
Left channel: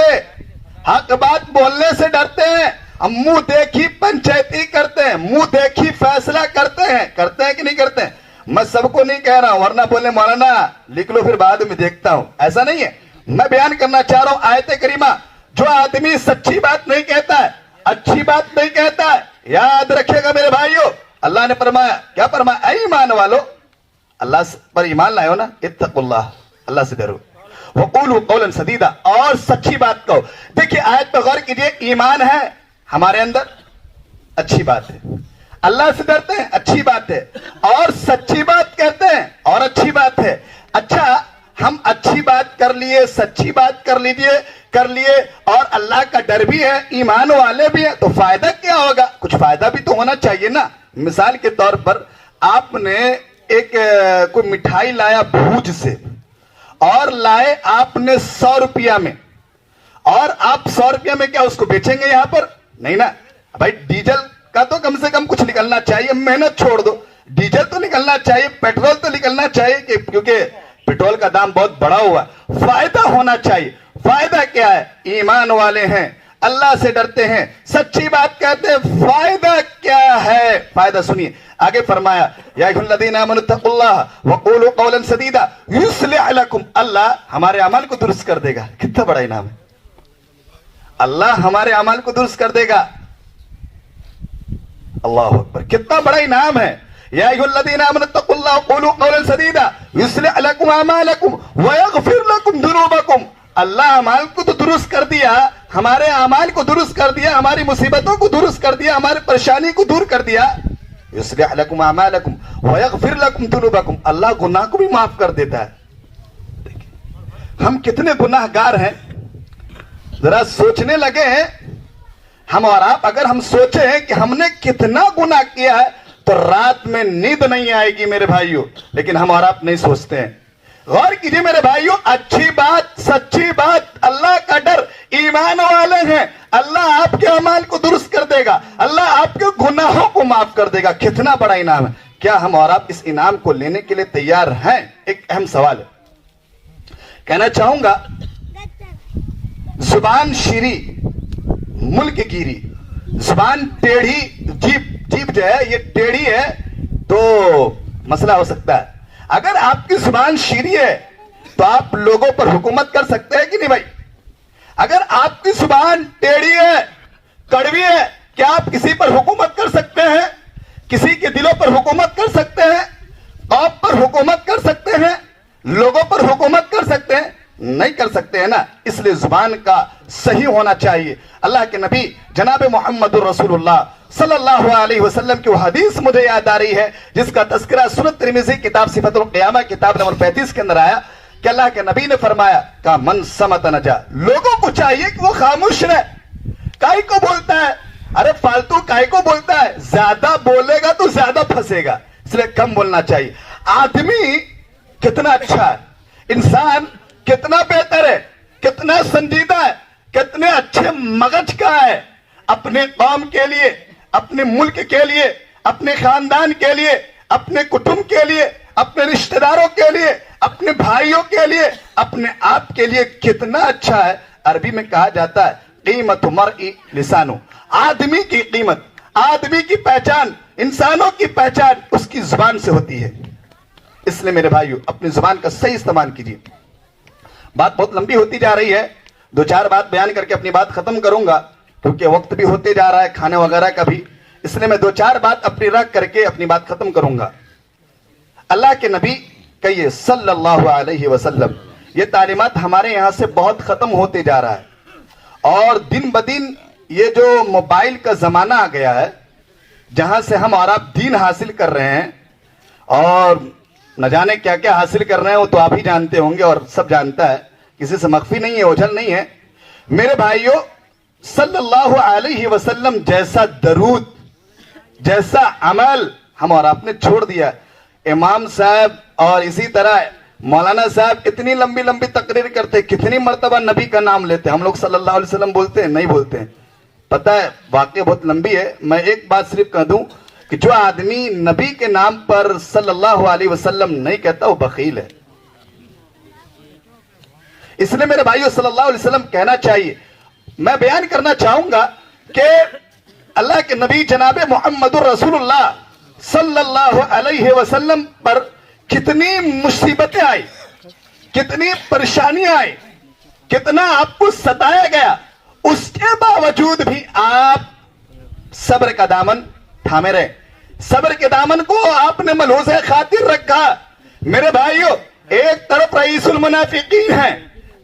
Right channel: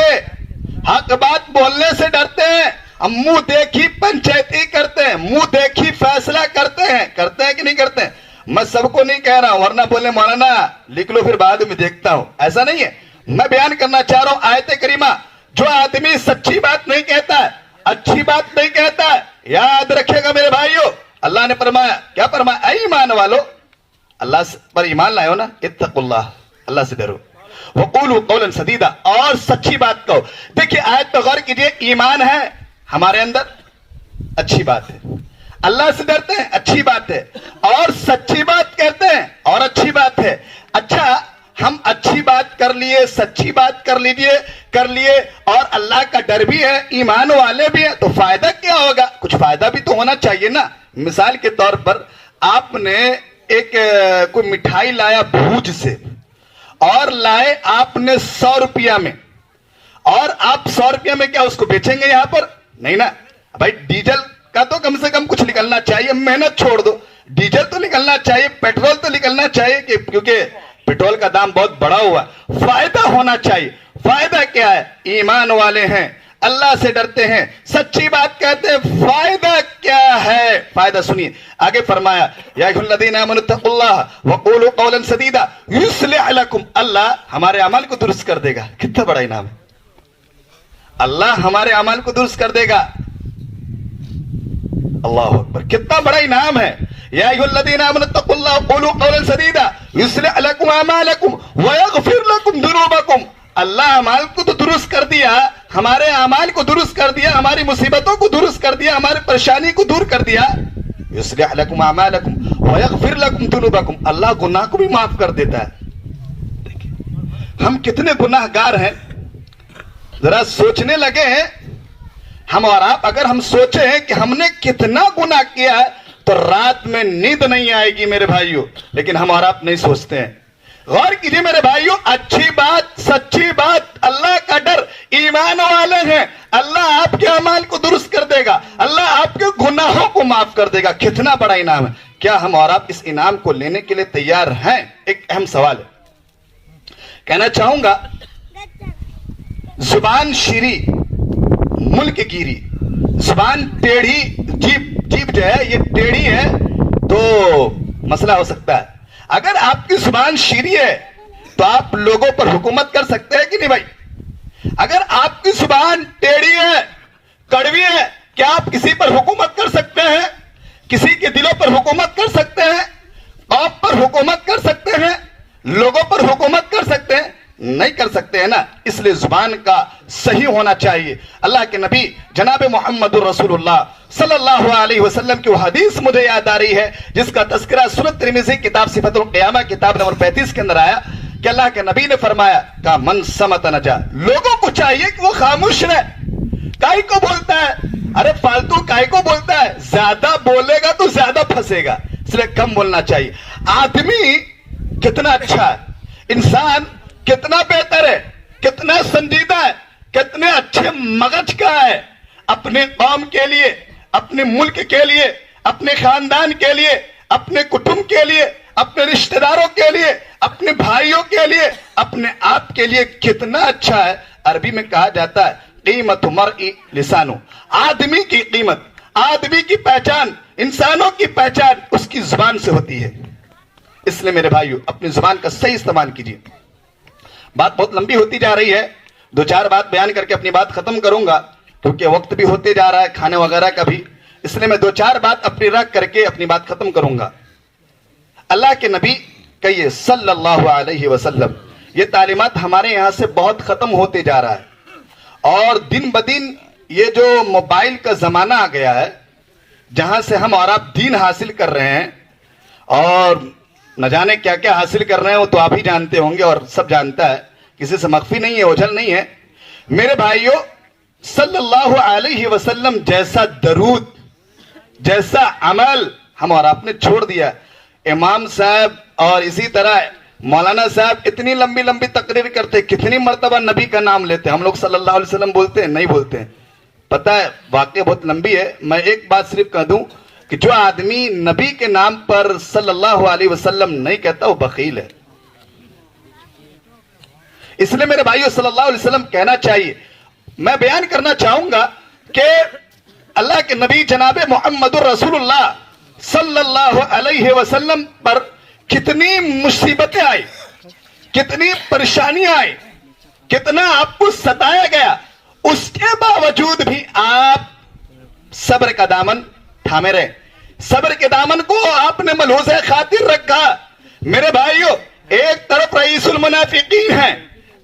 حق بات بولنے سے ڈرتے ہیں. ہم منہ دیکھی پنچایتی کرتے ہیں، منہ دیکھی فیصلہ کرتے ہیں کہ نہیں کرتے ہیں؟ میں سب کو نہیں کہہ رہا ہوں، ورنہ بولے مولانا لکھ لو پھر بعد میں دیکھتا ہوں، ایسا نہیں ہے. میں بیان کرنا چاہ رہا ہوں آیت کریمہ. جو آدمی سچی بات نہیں کہتا ہے، اچھی بات نہیں کہتا ہے، یاد رکھے گا میرے بھائیو اللہ نے فرمایا، کیا فرمایا؟ اے ایمان والو، اللہ پر ایمان لائے ہو نا، اتقوا اللہ، اللہ سے ڈرو. وقولوا قولا سدیدا، اور سچی بات کہو. دیکھیے آیت پر غور کیجئے، ایمان ہے ہمارے اندر، اچھی بات ہے. اللہ سے ڈرتے ہیں، اچھی بات ہے. اور سچی بات کہتے ہیں، اور اچھی بات ہے. اچھا ہم اچھی بات کر لیے, سچی بات کر لیے اور اللہ کا ڈر بھی ہے, ایمان والے بھی ہیں, تو فائدہ کیا ہوگا؟ کچھ فائدہ بھی تو ہونا چاہیے نا. مثال کے طور پر آپ نے ایک کوئی مٹھائی لایا بھوج سے اور لائے آپ نے 100 روپیہ میں, اور آپ 100 روپیہ میں کیا اس کو بیچیں گے یہاں پر؟ نہیں نا بھائی. ڈیزل کا تو کم سے کم کچھ نکلنا چاہیے, محنت چھوڑ دو, ڈیزل تو نکلنا چاہیے, پیٹرول تو نکلنا چاہیے, کیونکہ پیٹرول کا دام بہت بڑا ہوا. فائدہ ہونا چاہیے. فائدہ کیا ہے؟ ایمان والے ہیں, اللہ سے ڈرتے ہیں, سچی بات کہتے ہیں. فائدہ کیا ہے؟ فائدہ سنیے آگے فرمایا یا ایھا الذین آمنوا اتقوا اللہ وقولوا قولا سدیدا یصلح لکم. اللہ ہمارے اعمال کو درست کر دے گا. کتنا بڑا انعام ہے, اللہ ہمارے اعمال کو درست کر دے گا. اللہ اکبر, کتنا بڑا انعام ہے. یا ایھا الذین آمنوا اتقوا اللہ وقولوا قولا سدیدا یصلح لکم اعمالکم ویغفر لکم ذنوبکم. اللہ اعمال کو تو درست کر دیا, ہمارے اعمال کو درست کر دیا, ہماری مصیبتوں کو درست کر دیا, ہماری پریشانی کو دور کر دیا. یصلح لکم اعمالکم ویغفر لکم ذنوبکم. اللہ گناہ کو بھی معاف کر دیتا ہے. ہم کتنے گناہ گار ہیں, ذرا سوچنے لگے ہیں ہم اور آپ. اگر ہم سوچے ہیں کہ ہم نے کتنا گناہ کیا ہے تو رات میں نیند نہیں آئے گی میرے بھائیوں, لیکن ہم اور آپ نہیں سوچتے ہیں. غور کیجیے میرے بھائیوں, اچھی بات, سچی بات, اللہ کا ڈر, ایمان والے ہیں, اللہ آپ کے اعمال کو درست کر دے گا, اللہ آپ کے گناہوں کو معاف کر دے گا. کتنا بڑا انعام ہے. کیا ہم اور آپ اس انعام کو لینے کے لیے تیار ہیں؟ ایک اہم سوال ہے. کہنا چاہوں گا زبان شیری ملک گیری. زبان ٹیڑھی, جیب جو ہے یہ ٹیڑھی ہے تو مسئلہ ہو سکتا ہے. اگر آپ کی زبان شیریں ہے تو آپ لوگوں پر حکومت کر سکتے ہیں کہ نہیں بھائی؟ اگر آپ کی زبان ٹیڑھی ہے, کڑوی ہے, کیا آپ کسی پر حکومت کر سکتے ہیں؟ کسی کے دلوں پر حکومت کر سکتے ہیں؟ قوم پر حکومت کر سکتے ہیں؟ لوگوں پر حکومت کر سکتے ہیں؟ نہیں کر سکتے ہیں نا. اس لیے زبان کا صحیح ہونا چاہیے. اللہ کے نبی جناب محمد رسول اللہ صلی اللہ علیہ وسلم کی وہ حدیث مجھے یاد آ رہی ہے جس کا تذکرہ سنن ترمذی کتاب صفت القیامہ کتاب نمبر 35 کے اندر آیا کہ اللہ کے نبی نے فرمایا کہ من صمت نجا. لوگوں کو چاہیے کہ وہ خاموش رہے. کائی کو بولتا ہے, ارے فالتو کائی کو بولتا ہے, زیادہ بولے گا تو زیادہ پھنسے گا, اس لیے کم بولنا چاہیے. آدمی کتنا اچھا ہے, انسان کتنا بہتر ہے, کتنا سنجیدہ ہے, کتنے اچھے مغز کا ہے. اپنے قوم کے لیے, اپنے ملک کے لیے, اپنے خاندان کے لیے, اپنے کٹمب کے لیے, اپنے رشتہ داروں کے لیے, اپنے بھائیوں کے لیے, اپنے آپ کے لیے کتنا اچھا ہے. عربی میں کہا جاتا ہے قیمت مرء لسانو. آدمی کی قیمت, آدمی کی پہچان, انسانوں کی پہچان اس کی زبان سے ہوتی ہے. اس لیے میرے بھائیو اپنی زبان کا صحیح استعمال کیجیے. بات بہت لمبی ہوتی جا رہی ہے, 2-4 بات بیان کر کے اپنی بات ختم کروں گا کیونکہ وقت بھی ہوتے جا رہا ہے کھانے وغیرہ کا بھی. اس لیے میں 2-4 بات اپنی رکھ کر کے اپنی بات ختم کروں گا. اللہ کے نبی کہیے صلی اللہ علیہ وسلم, یہ تعلیمات ہمارے یہاں سے بہت ختم ہوتے جا رہا ہے. اور دن بدن یہ جو موبائل کا زمانہ آ گیا ہے جہاں سے ہم اور آپ دین حاصل کر رہے ہیں اور نہ جانے کیا کیا حاصل کر رہے ہیں, وہ تو آپ ہی جانتے ہوں گے اور سب جانتا ہے, کسی سے مخفی نہیں ہے, اوجھل نہیں ہے. میرے بھائیوں صلی اللہ علیہ وسلم جیسا درود, جیسا عمل ہم اور آپ نے چھوڑ دیا. امام صاحب اور اسی طرح مولانا صاحب اتنی لمبی لمبی تقریر کرتے, کتنی مرتبہ نبی کا نام لیتے. ہم لوگ صلی اللہ علیہ وسلم بولتے ہیں, نہیں بولتے ہیں. پتہ ہے واقعہ بہت لمبی ہے, میں ایک بات صرف کہہ دوں کہ جو آدمی نبی کے نام پر صلی اللہ علیہ وسلم نہیں کہتا وہ بخیل ہے. اس لیے میرے بھائیو صلی اللہ علیہ وسلم کہنا چاہیے. میں بیان کرنا چاہوں گا کہ اللہ کے نبی جناب محمد رسول اللہ صلی اللہ علیہ وسلم پر کتنی مصیبتیں آئی, کتنی پریشانیاں آئی, کتنا آپ کو ستایا گیا, اس کے باوجود بھی آپ صبر کا دامن تھامے رہے. صبر کے دامن کو آپ نے ملحوظ خاطر رکھا. میرے بھائیو ایک طرف رئیس المنافقین ہیں,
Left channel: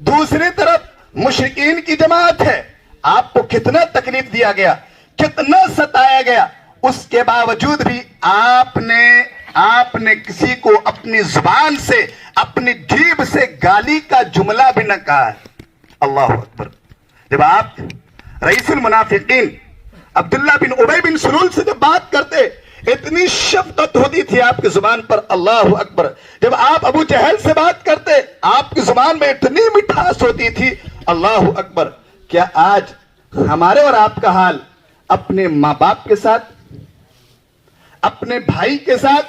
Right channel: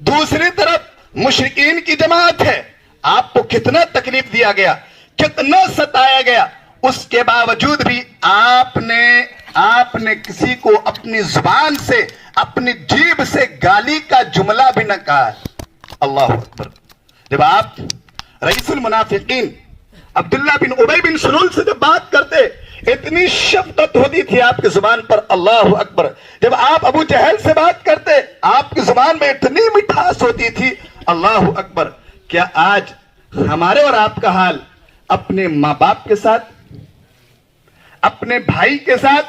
دوسری طرف مشرکین کی جماعت ہے. آپ کو کتنا تکلیف دیا گیا, کتنا ستایا گیا. اس کے باوجود بھی آپ نے کسی کو اپنی زبان سے اپنی جیب سے گالی کا جملہ بھی نہ کہا ہے. اللہ اکبر. جب آپ رئیس المنافقین عبداللہ بن ابی بن سلول سے جب بات کرتے اتنی شفقت ہوتی تھی آپ کی زبان پر. اللہ اکبر. جب آپ ابو جہل سے بات کرتے آپ کی زبان میں اتنی مٹھاس ہوتی تھی. اللہ اکبر. کیا آج ہمارے اور آپ کا حال اپنے ماں باپ کے ساتھ, اپنے بھائی کے ساتھ,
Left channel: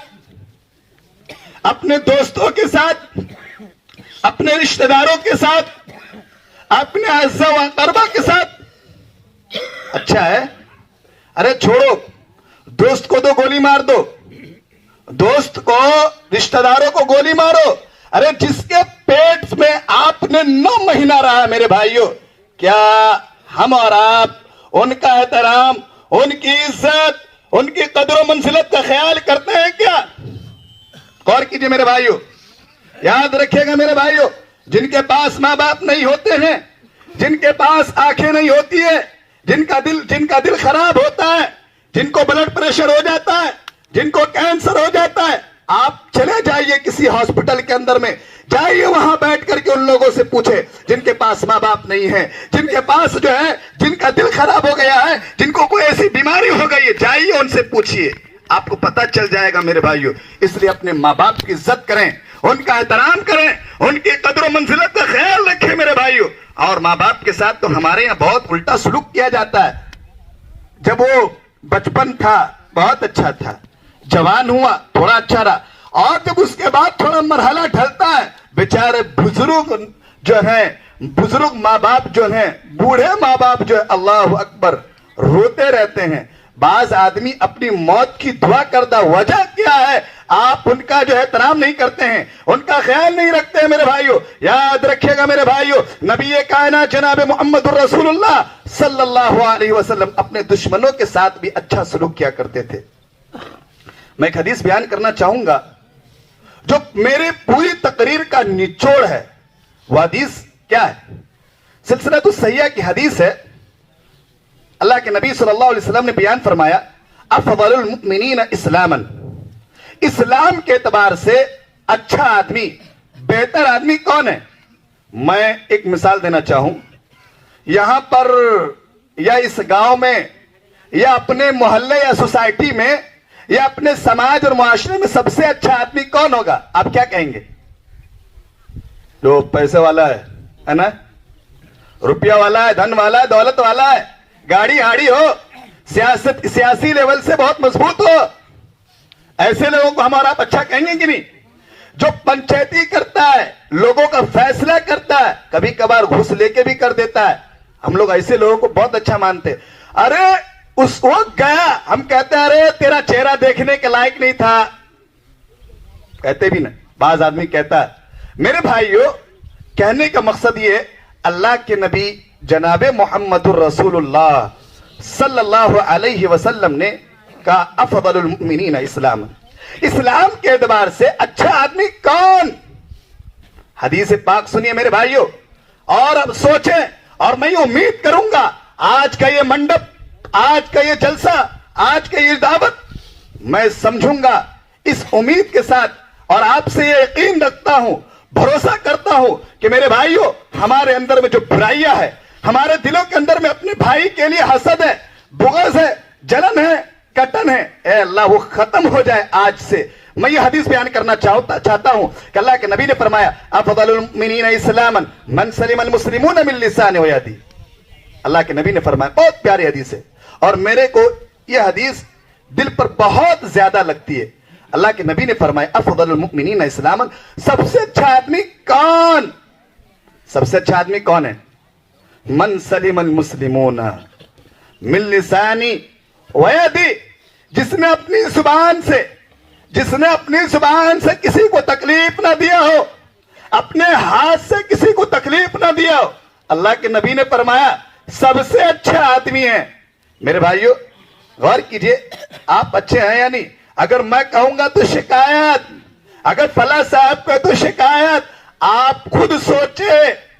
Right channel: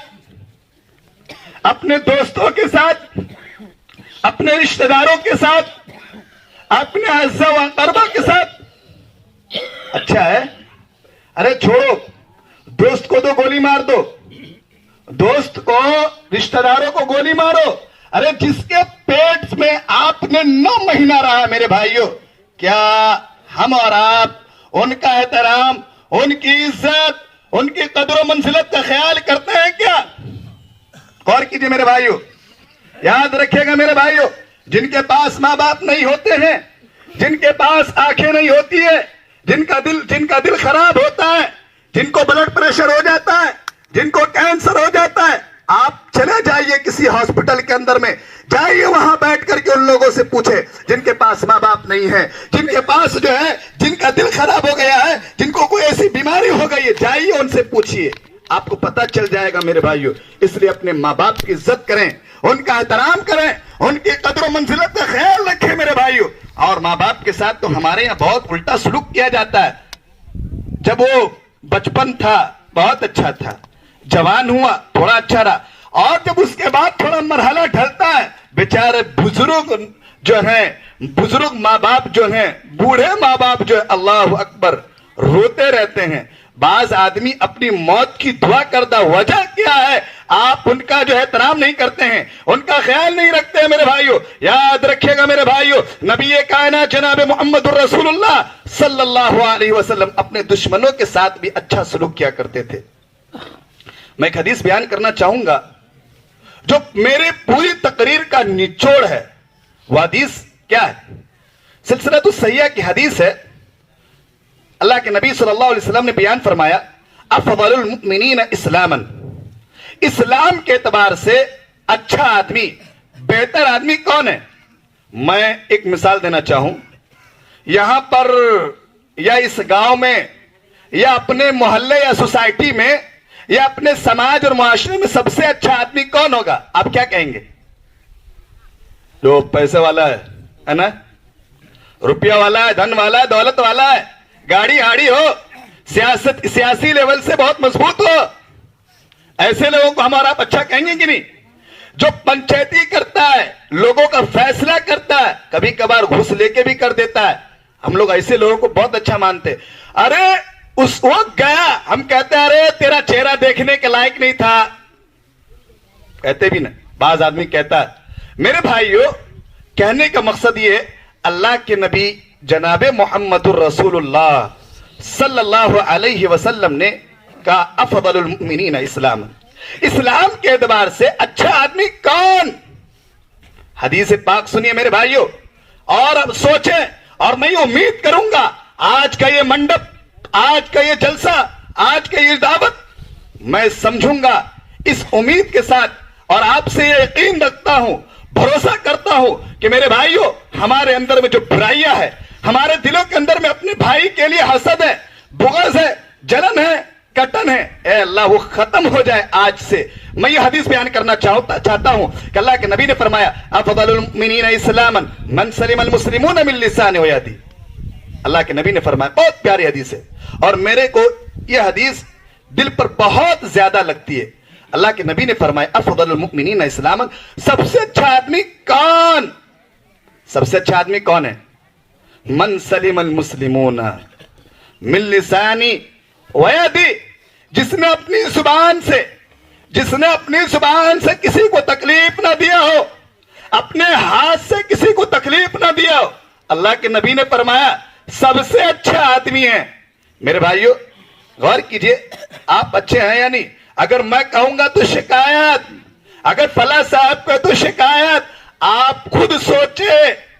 اپنے دوستوں کے ساتھ, اپنے رشتہ داروں کے ساتھ, اپنے اعزاء و اقربا کے ساتھ اچھا ہے؟ ارے چھوڑو, دوست کو تو گولی مار دو, دوست کو, رشتہ داروں کو گولی مارو. ارے جس کے پیٹ میں آپ نے 9 مہینہ رہا میرے بھائیوں, کیا ہم اور آپ ان کا احترام, ان کی عزت, ان کی قدر و منزلت کا خیال کرتے ہیں کیا؟ غور کیجئے میرے بھائیوں, یاد رکھیے گا میرے بھائیوں, جن کے پاس ماں باپ نہیں ہوتے ہیں, جن کے پاس آنکھیں نہیں ہوتی ہے, جن کا دل خراب ہوتا ہے, جن کو بلڈ پریشر ہو جاتا ہے, جن کو کینسر ہو جاتا ہے, آپ چلے جائیے کسی ہاسپٹل کے اندر میں, جائیے وہاں بیٹھ کر کے ان لوگوں سے پوچھے جن کے پاس ماں باپ نہیں ہے, جن کے پاس جو ہے, جن کا دل خراب ہو گیا ہے, جن کو کوئی ایسی بیماری ہو گئی ہے, جائیے ان سے پوچھیے, آپ کو پتہ چل جائے گا میرے بھائیوں. اس لیے اپنے ماں باپ کی عزت کریں, ان کا احترام کریں, ان کی قدر و منزلت کا خیال رکھیں میرے بھائیوں. اور ماں باپ کے ساتھ تو ہمارے یہاں بہت الٹا سلوک کیا جاتا ہے. جب وہ بچپن تھا بہت اچھا تھا, جوان ہوا تھوڑا اچھا رہا, اور جب اس کے بعد تھوڑا مرحلہ ڈھلتا ہے, بیچارے بزرگ جو ہیں, بزرگ ماں باپ جو ہیں, بوڑھے ماں باپ جو ہے, اللہ اکبر, روتے رہتے ہیں. بعض آدمی اپنی موت کی دعا کرتا, وجہ کیا ہے؟ آپ ان کا جو احترام نہیں کرتے ہیں, ان کا خیال نہیں رکھتے ہیں میرے بھائیوں. یاد رکھیے گا میرے بھائیوں, نبی کائنات جناب محمد الرسول اللہ صلی اللہ علیہ وسلم اپنے دشمنوں کے ساتھ بھی اچھا سلوک کیا کرتے تھے. میں ایک حدیث بیان کرنا چاہوں گا جو میری پوری تقریر کا نچوڑ ہے. وہ حدیث کیا ہے؟ سلسلہ الصحیحہ کی حدیث ہے. اللہ کے نبی صلی اللہ علیہ وسلم نے بیان فرمایا, افضل المؤمنین اسلاما, اسلام کے اعتبار سے اچھا آدمی, بہتر آدمی کون ہے؟ میں ایک مثال دینا چاہوں. یہاں پر یا اس گاؤں میں یا اپنے محلے یا سوسائٹی میں یا اپنے سماج اور معاشرے میں سب سے اچھا آدمی کون ہوگا؟ آپ کیا کہیں گے؟ جو پیسے والا ہے نا, روپیہ والا ہے, دھن والا ہے, دولت والا ہے, گاڑی ہاڑی ہو, سیاسی لیول سے بہت مضبوط ہو, ایسے لوگوں کو ہمارا آپ اچھا کہیں گے کہ نہیں؟ جو پنچایتی کرتا ہے, لوگوں کا فیصلہ کرتا ہے, کبھی کبھار گھوس لے کے بھی کر دیتا ہے, ہم لوگ ایسے لوگوں کو بہت اچھا مانتے. ارے اس وقت گیا, ہم کہتے ہیں ارے تیرا چہرہ دیکھنے کے لائق نہیں تھا, کہتے بھی نا, بعض آدمی کہتا ہے. میرے بھائیوں, کہنے کا مقصد یہ ہے, اللہ کے نبی جناب محمد الرسول اللہ صلی اللہ علیہ وسلم نے کہا افضل المؤمنین اسلام, اسلام کے اعتبار سے اچھا آدمی کون؟ حدیث پاک سنیے میرے بھائیوں, اور اب سوچیں, اور میں امید کروں گا آج کا یہ منڈپ, آج کا یہ جلسہ, آج کا یہ دعوت میں سمجھوں گا اس امید کے ساتھ, اور آپ سے یہ یقین رکھتا ہوں, بھروسہ کرتا ہوں کہ میرے بھائیوں, ہمارے اندر میں جو برائیاں ہے, ہمارے دلوں کے اندر میں اپنے بھائی کے لیے حسد ہے, بغض ہے, جلن ہے, کٹن ہے, اے اللہ وہ ختم ہو جائے آج سے. میں یہ حدیث بیان کرنا چاہتا ہوں کہ اللہ کے نبی نے فرمایا افضل المؤمنین اسلاما من سلم المسلمون من لسانه ویده. اللہ کے نبی نے فرمایا, بہت پیاری حدیث ہے, اور میرے کو یہ حدیث دل پر بہت زیادہ لگتی ہے. اللہ کے نبی نے فرمایا افضل المؤمنین اسلاما, سب سے اچھا آدمی کون؟ سب سے اچھا آدمی کون ہے؟ من سلم المسلمون من لسانی ویدی, جس نے اپنی زبان سے کسی کو تکلیف نہ دیا ہو, اپنے ہاتھ سے کسی کو تکلیف نہ دیا ہو. اللہ کے نبی نے فرمایا سب سے اچھا آدمی ہے. میرے بھائیوں غور کیجئے, آپ اچھے ہیں یا نہیں؟ اگر میں کہوں گا تو شکایت, اگر فلاں صاحب کو تو شکایت. آپ خود سوچے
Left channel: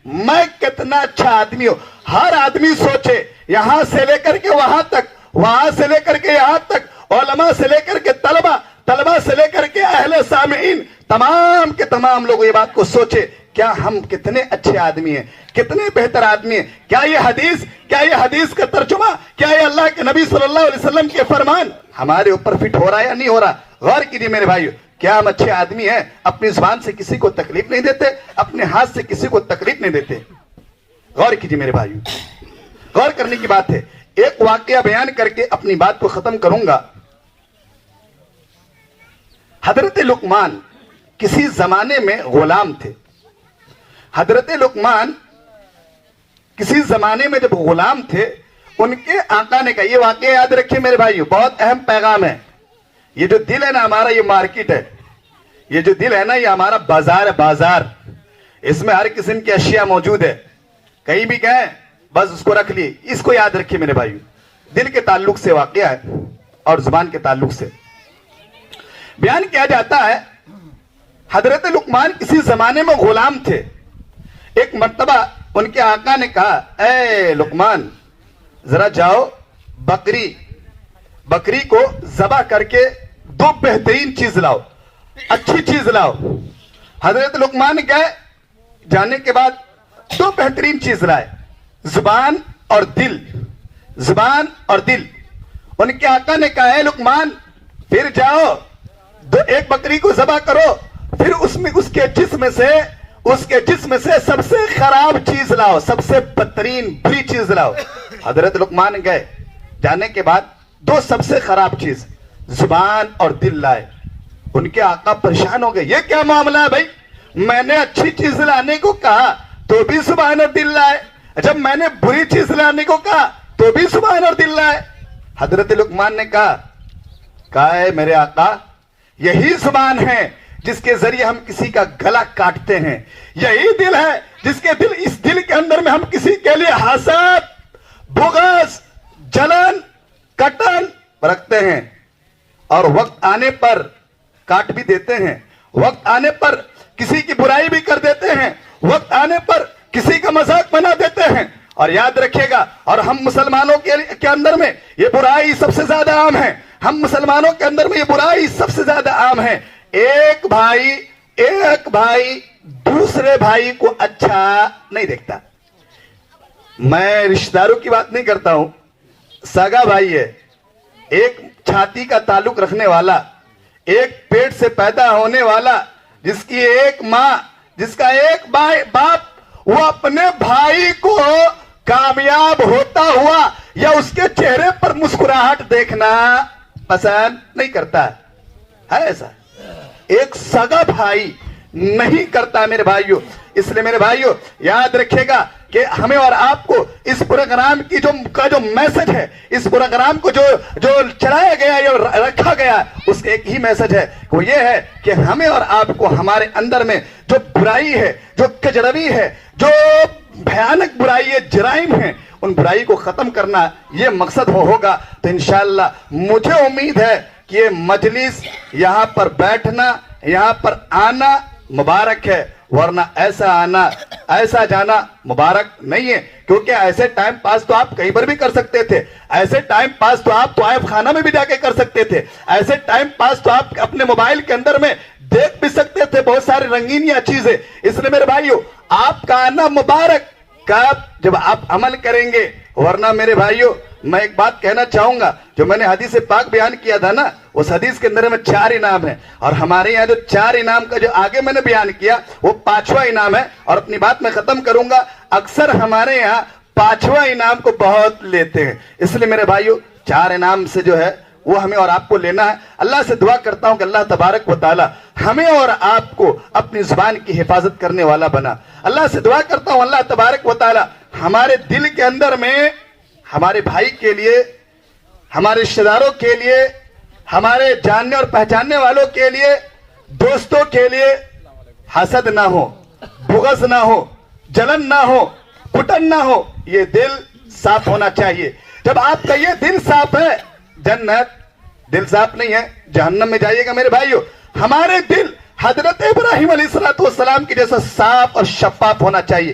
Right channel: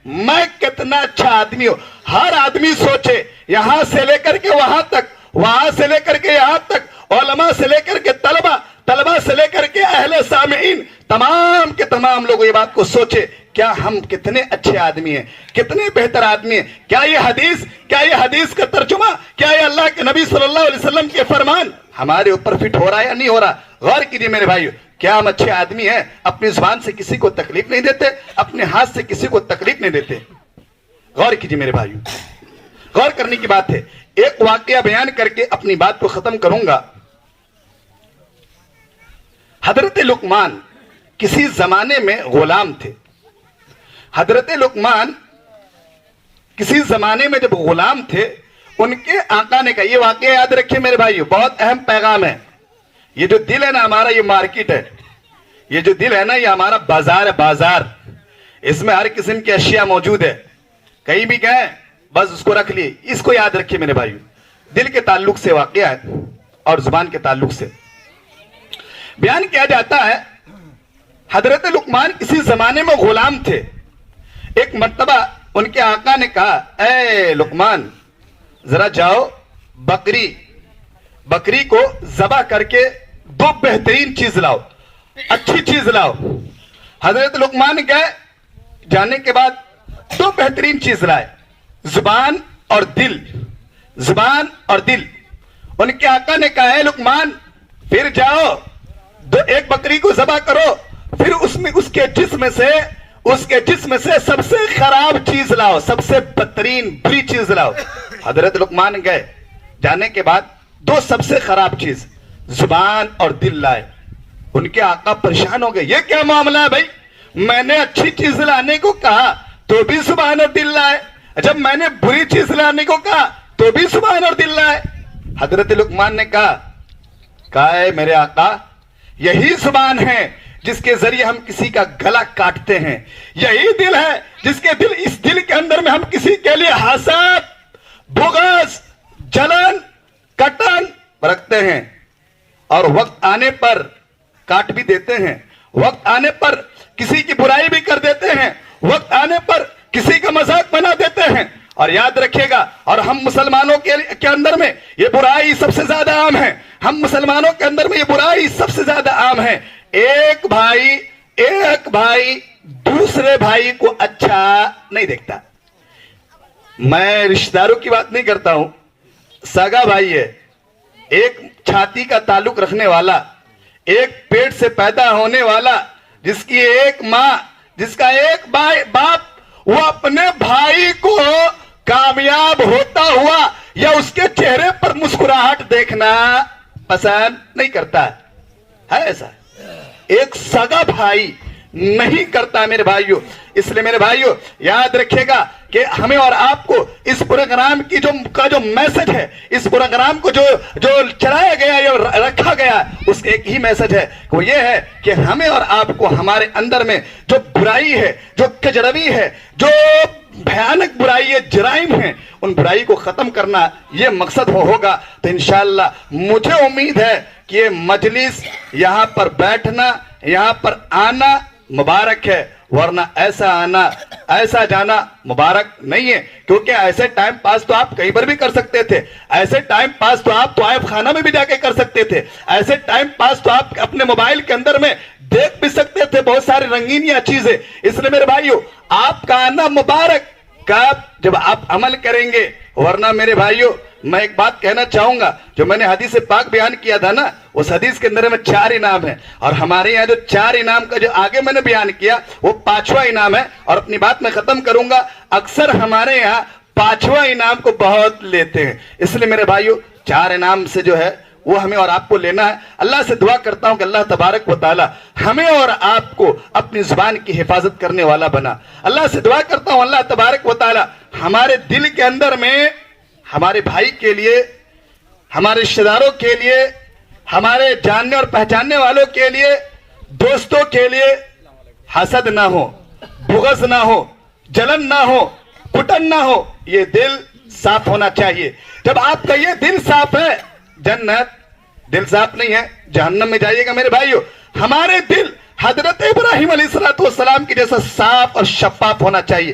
میں کتنا اچھا آدمی ہوں. ہر آدمی سوچے, یہاں سے لے کر کے وہاں تک, وہاں سے لے کر کے یہاں تک, علماء سے لے کر کے طلبہ سے لے کر کے اہل سامعین، تمام کے تمام لوگ یہ بات کو سوچے، کیا ہم کتنے اچھے آدمی ہیں، کتنے بہتر آدمی ہیں؟ کیا یہ حدیث کا ترجمہ، کیا یہ اللہ کے نبی صلی اللہ علیہ وسلم کے فرمان ہمارے اوپر فٹ ہو رہا ہے یا نہیں ہو رہا؟ غور کیجیے میرے بھائیو، کیا ہم اچھے آدمی ہیں؟ اپنی زبان سے کسی کو تکلیف نہیں دیتے، اپنے ہاتھ سے کسی کو تکلیف نہیں دیتے؟ غور کیجیے میرے بھائیو، غور کرنے کی بات ہے۔ ایک واقعہ بیان کر کے اپنی بات کو ختم کروں گا۔ حضرت لقمان کسی زمانے میں غلام تھے۔ حضرت لقمان کسی زمانے میں جب غلام تھے، ان کے آقا نے کہا، یہ واقعہ یاد رکھیں میرے بھائیو، بہت اہم پیغام ہے۔ یہ جو دل ہے نا ہمارا، یہ مارکیٹ ہے، یہ جو دل ہے نا یہ ہمارا بازار ہے، بازار، اس میں ہر قسم کی اشیاء موجود ہے۔ کہیں بھی گئے بس اس کو رکھ لیے۔ اس کو یاد رکھیے میرے بھائیو، دل کے تعلق سے واقعہ ہے اور زبان کے تعلق سے بیان کیا جاتا ہے۔ حضرت لقمان کسی زمانے میں غلام تھے۔ ایک مرتبہ ان کے آقا نے کہا، اے لقمان ذرا جاؤ بکری کو ذبح کر کے دو بہترین چیز لاؤ، اچھی چیز لاؤ۔ حضرت لقمان گئے، جانے کے بعد دو بہترین چیز لائے، زبان اور دل، زبان اور دل۔ ان کے آقا نے کہا، اے لقمان پھر جاؤ ایک بکری کو ذبح کرو، پھر اس کے جسم سے سب سے خراب چیز لاؤ، سب سے بدترین بری چیز لاؤ۔ حضرت لقمان گئے، جانے کے بعد دو سب سے خراب چیز زبان اور دل لائے۔ ان کے آقا پریشان ہو گئے، یہ کیا معاملہ ہے بھائی؟ میں نے اچھی چیز لانے کو کہا تو بھی زبان اور دل لائے، جب میں نے بری چیز لانے کو کہا تو بھی زبان اور دل لائے۔ حضرت لقمان نے کہا اے میرے آقا، یہی زبان ہے جس کے ذریعے ہم کسی کا گلا کاٹتے ہیں، یہی دل ہے اس دل کے اندر میں ہم کسی کے لیے حسد، بغض، جلن، کٹن رکھتے ہیں، اور وقت آنے پر کاٹ بھی دیتے ہیں، وقت آنے پر کسی کی برائی بھی کر دیتے ہیں، وقت آنے پر کسی کا مذاق بنا دیتے ہیں۔ اور یاد رکھیے گا، اور ہم مسلمانوں کے اندر میں یہ برائی سب سے زیادہ عام ہے، ہم مسلمانوں کے اندر میں یہ برائی سب سے زیادہ عام ہے۔ ایک بھائی دوسرے بھائی کو اچھا نہیں دیکھتا۔ میں رشتہ داروں کی بات نہیں کرتا ہوں، سگا بھائی ہے، ایک چھاتی کا تعلق رکھنے والا، ایک پیٹ سے پیدا ہونے والا، جس کی ایک ماں، جس کا ایک باپ، وہ اپنے بھائی کو کامیاب ہوتا ہوا یا اس کے چہرے پر مسکراہٹ دیکھنا پسند نہیں کرتا ہے ایسا؟ ایک سگا بھائی نہیں کرتا میرے بھائیو۔ اس لیے میرے بھائیو یاد رکھیے گا کہ ہمیں اور آپ کو اس پروگرام کی جو میسج ہے، اس پروگرام کو جو چلایا گیا یا رکھا گیا، اس ایک ہی میسج ہے، وہ یہ ہے کہ ہمیں اور آپ کو ہمارے اندر میں جو برائی ہے، جو کجروی ہے، جو بھیانک برائی ہے، جرائم ہیں، ان برائی کو ختم کرنا یہ مقصد ہوگا۔ تو انشاءاللہ مجھے امید ہے کہ یہ مجلس، یہاں پر بیٹھنا، یہاں پر آنا مبارک ہے، ورنہ ایسا آنا ایسا جانا مبارک نہیں ہے، کیونکہ ایسے ٹائم پاس تو آپ کہیں پر بھی کر سکتے تھے، ایسے ٹائم پاس تو آپ طائف خانہ میں بھی جا کے کر سکتے تھے، ایسے ٹائم پاس تو آپ اپنے موبائل کے اندر میں دیکھ بھی سکتے تھے بہت سارے رنگینیاں چیزیں۔ اس لیے میرے بھائیو آپ کا آنا مبارک جب آپ عمل کریں گے، ورنہ میرے بھائیو میں ایک بات کہنا چاہوں گا، جو میں نے حدیث پاک بیان کیا تھا نا، اس حدیث کے اندر میں 4 انعام ہیں، اور ہمارے یہاں جو 4 انعام کا جو آگے میں نے بیان کیا وہ 5واں انعام ہے، اور اپنی بات میں ختم کروں گا۔ اکثر ہمارے یہاں 5واں انعام کو بہت لیتے ہیں، اس لیے میرے بھائیو 4 انعام سے جو ہے وہ ہمیں اور آپ کو لینا ہے۔ اللہ سے دعا کرتا ہوں کہ اللہ تبارک و تعالی ہمیں اور آپ کو اپنی زبان کی حفاظت کرنے والا بنا۔ اللہ سے دعا کرتا ہوں اللہ تبارک و تعالی ہمارے دل کے اندر میں ہمارے بھائی کے لیے، ہمارے رشتہ داروں کے لیے، ہمارے جاننے اور پہچاننے والوں کے لیے، دوستوں کے لیے حسد نہ ہو، بغض نہ ہو، جلن نہ ہو، کٹن نہ ہو۔ یہ دل صاف ہونا چاہیے۔ جب آپ کا یہ دل صاف ہے، جنت، دل صاف نہیں ہے جہنم میں جائیے گا میرے بھائیو۔ ہمارے دل حضرت ابراہیم علیہ السلام کی جیسا صاف اور شفاف ہونا چاہیے۔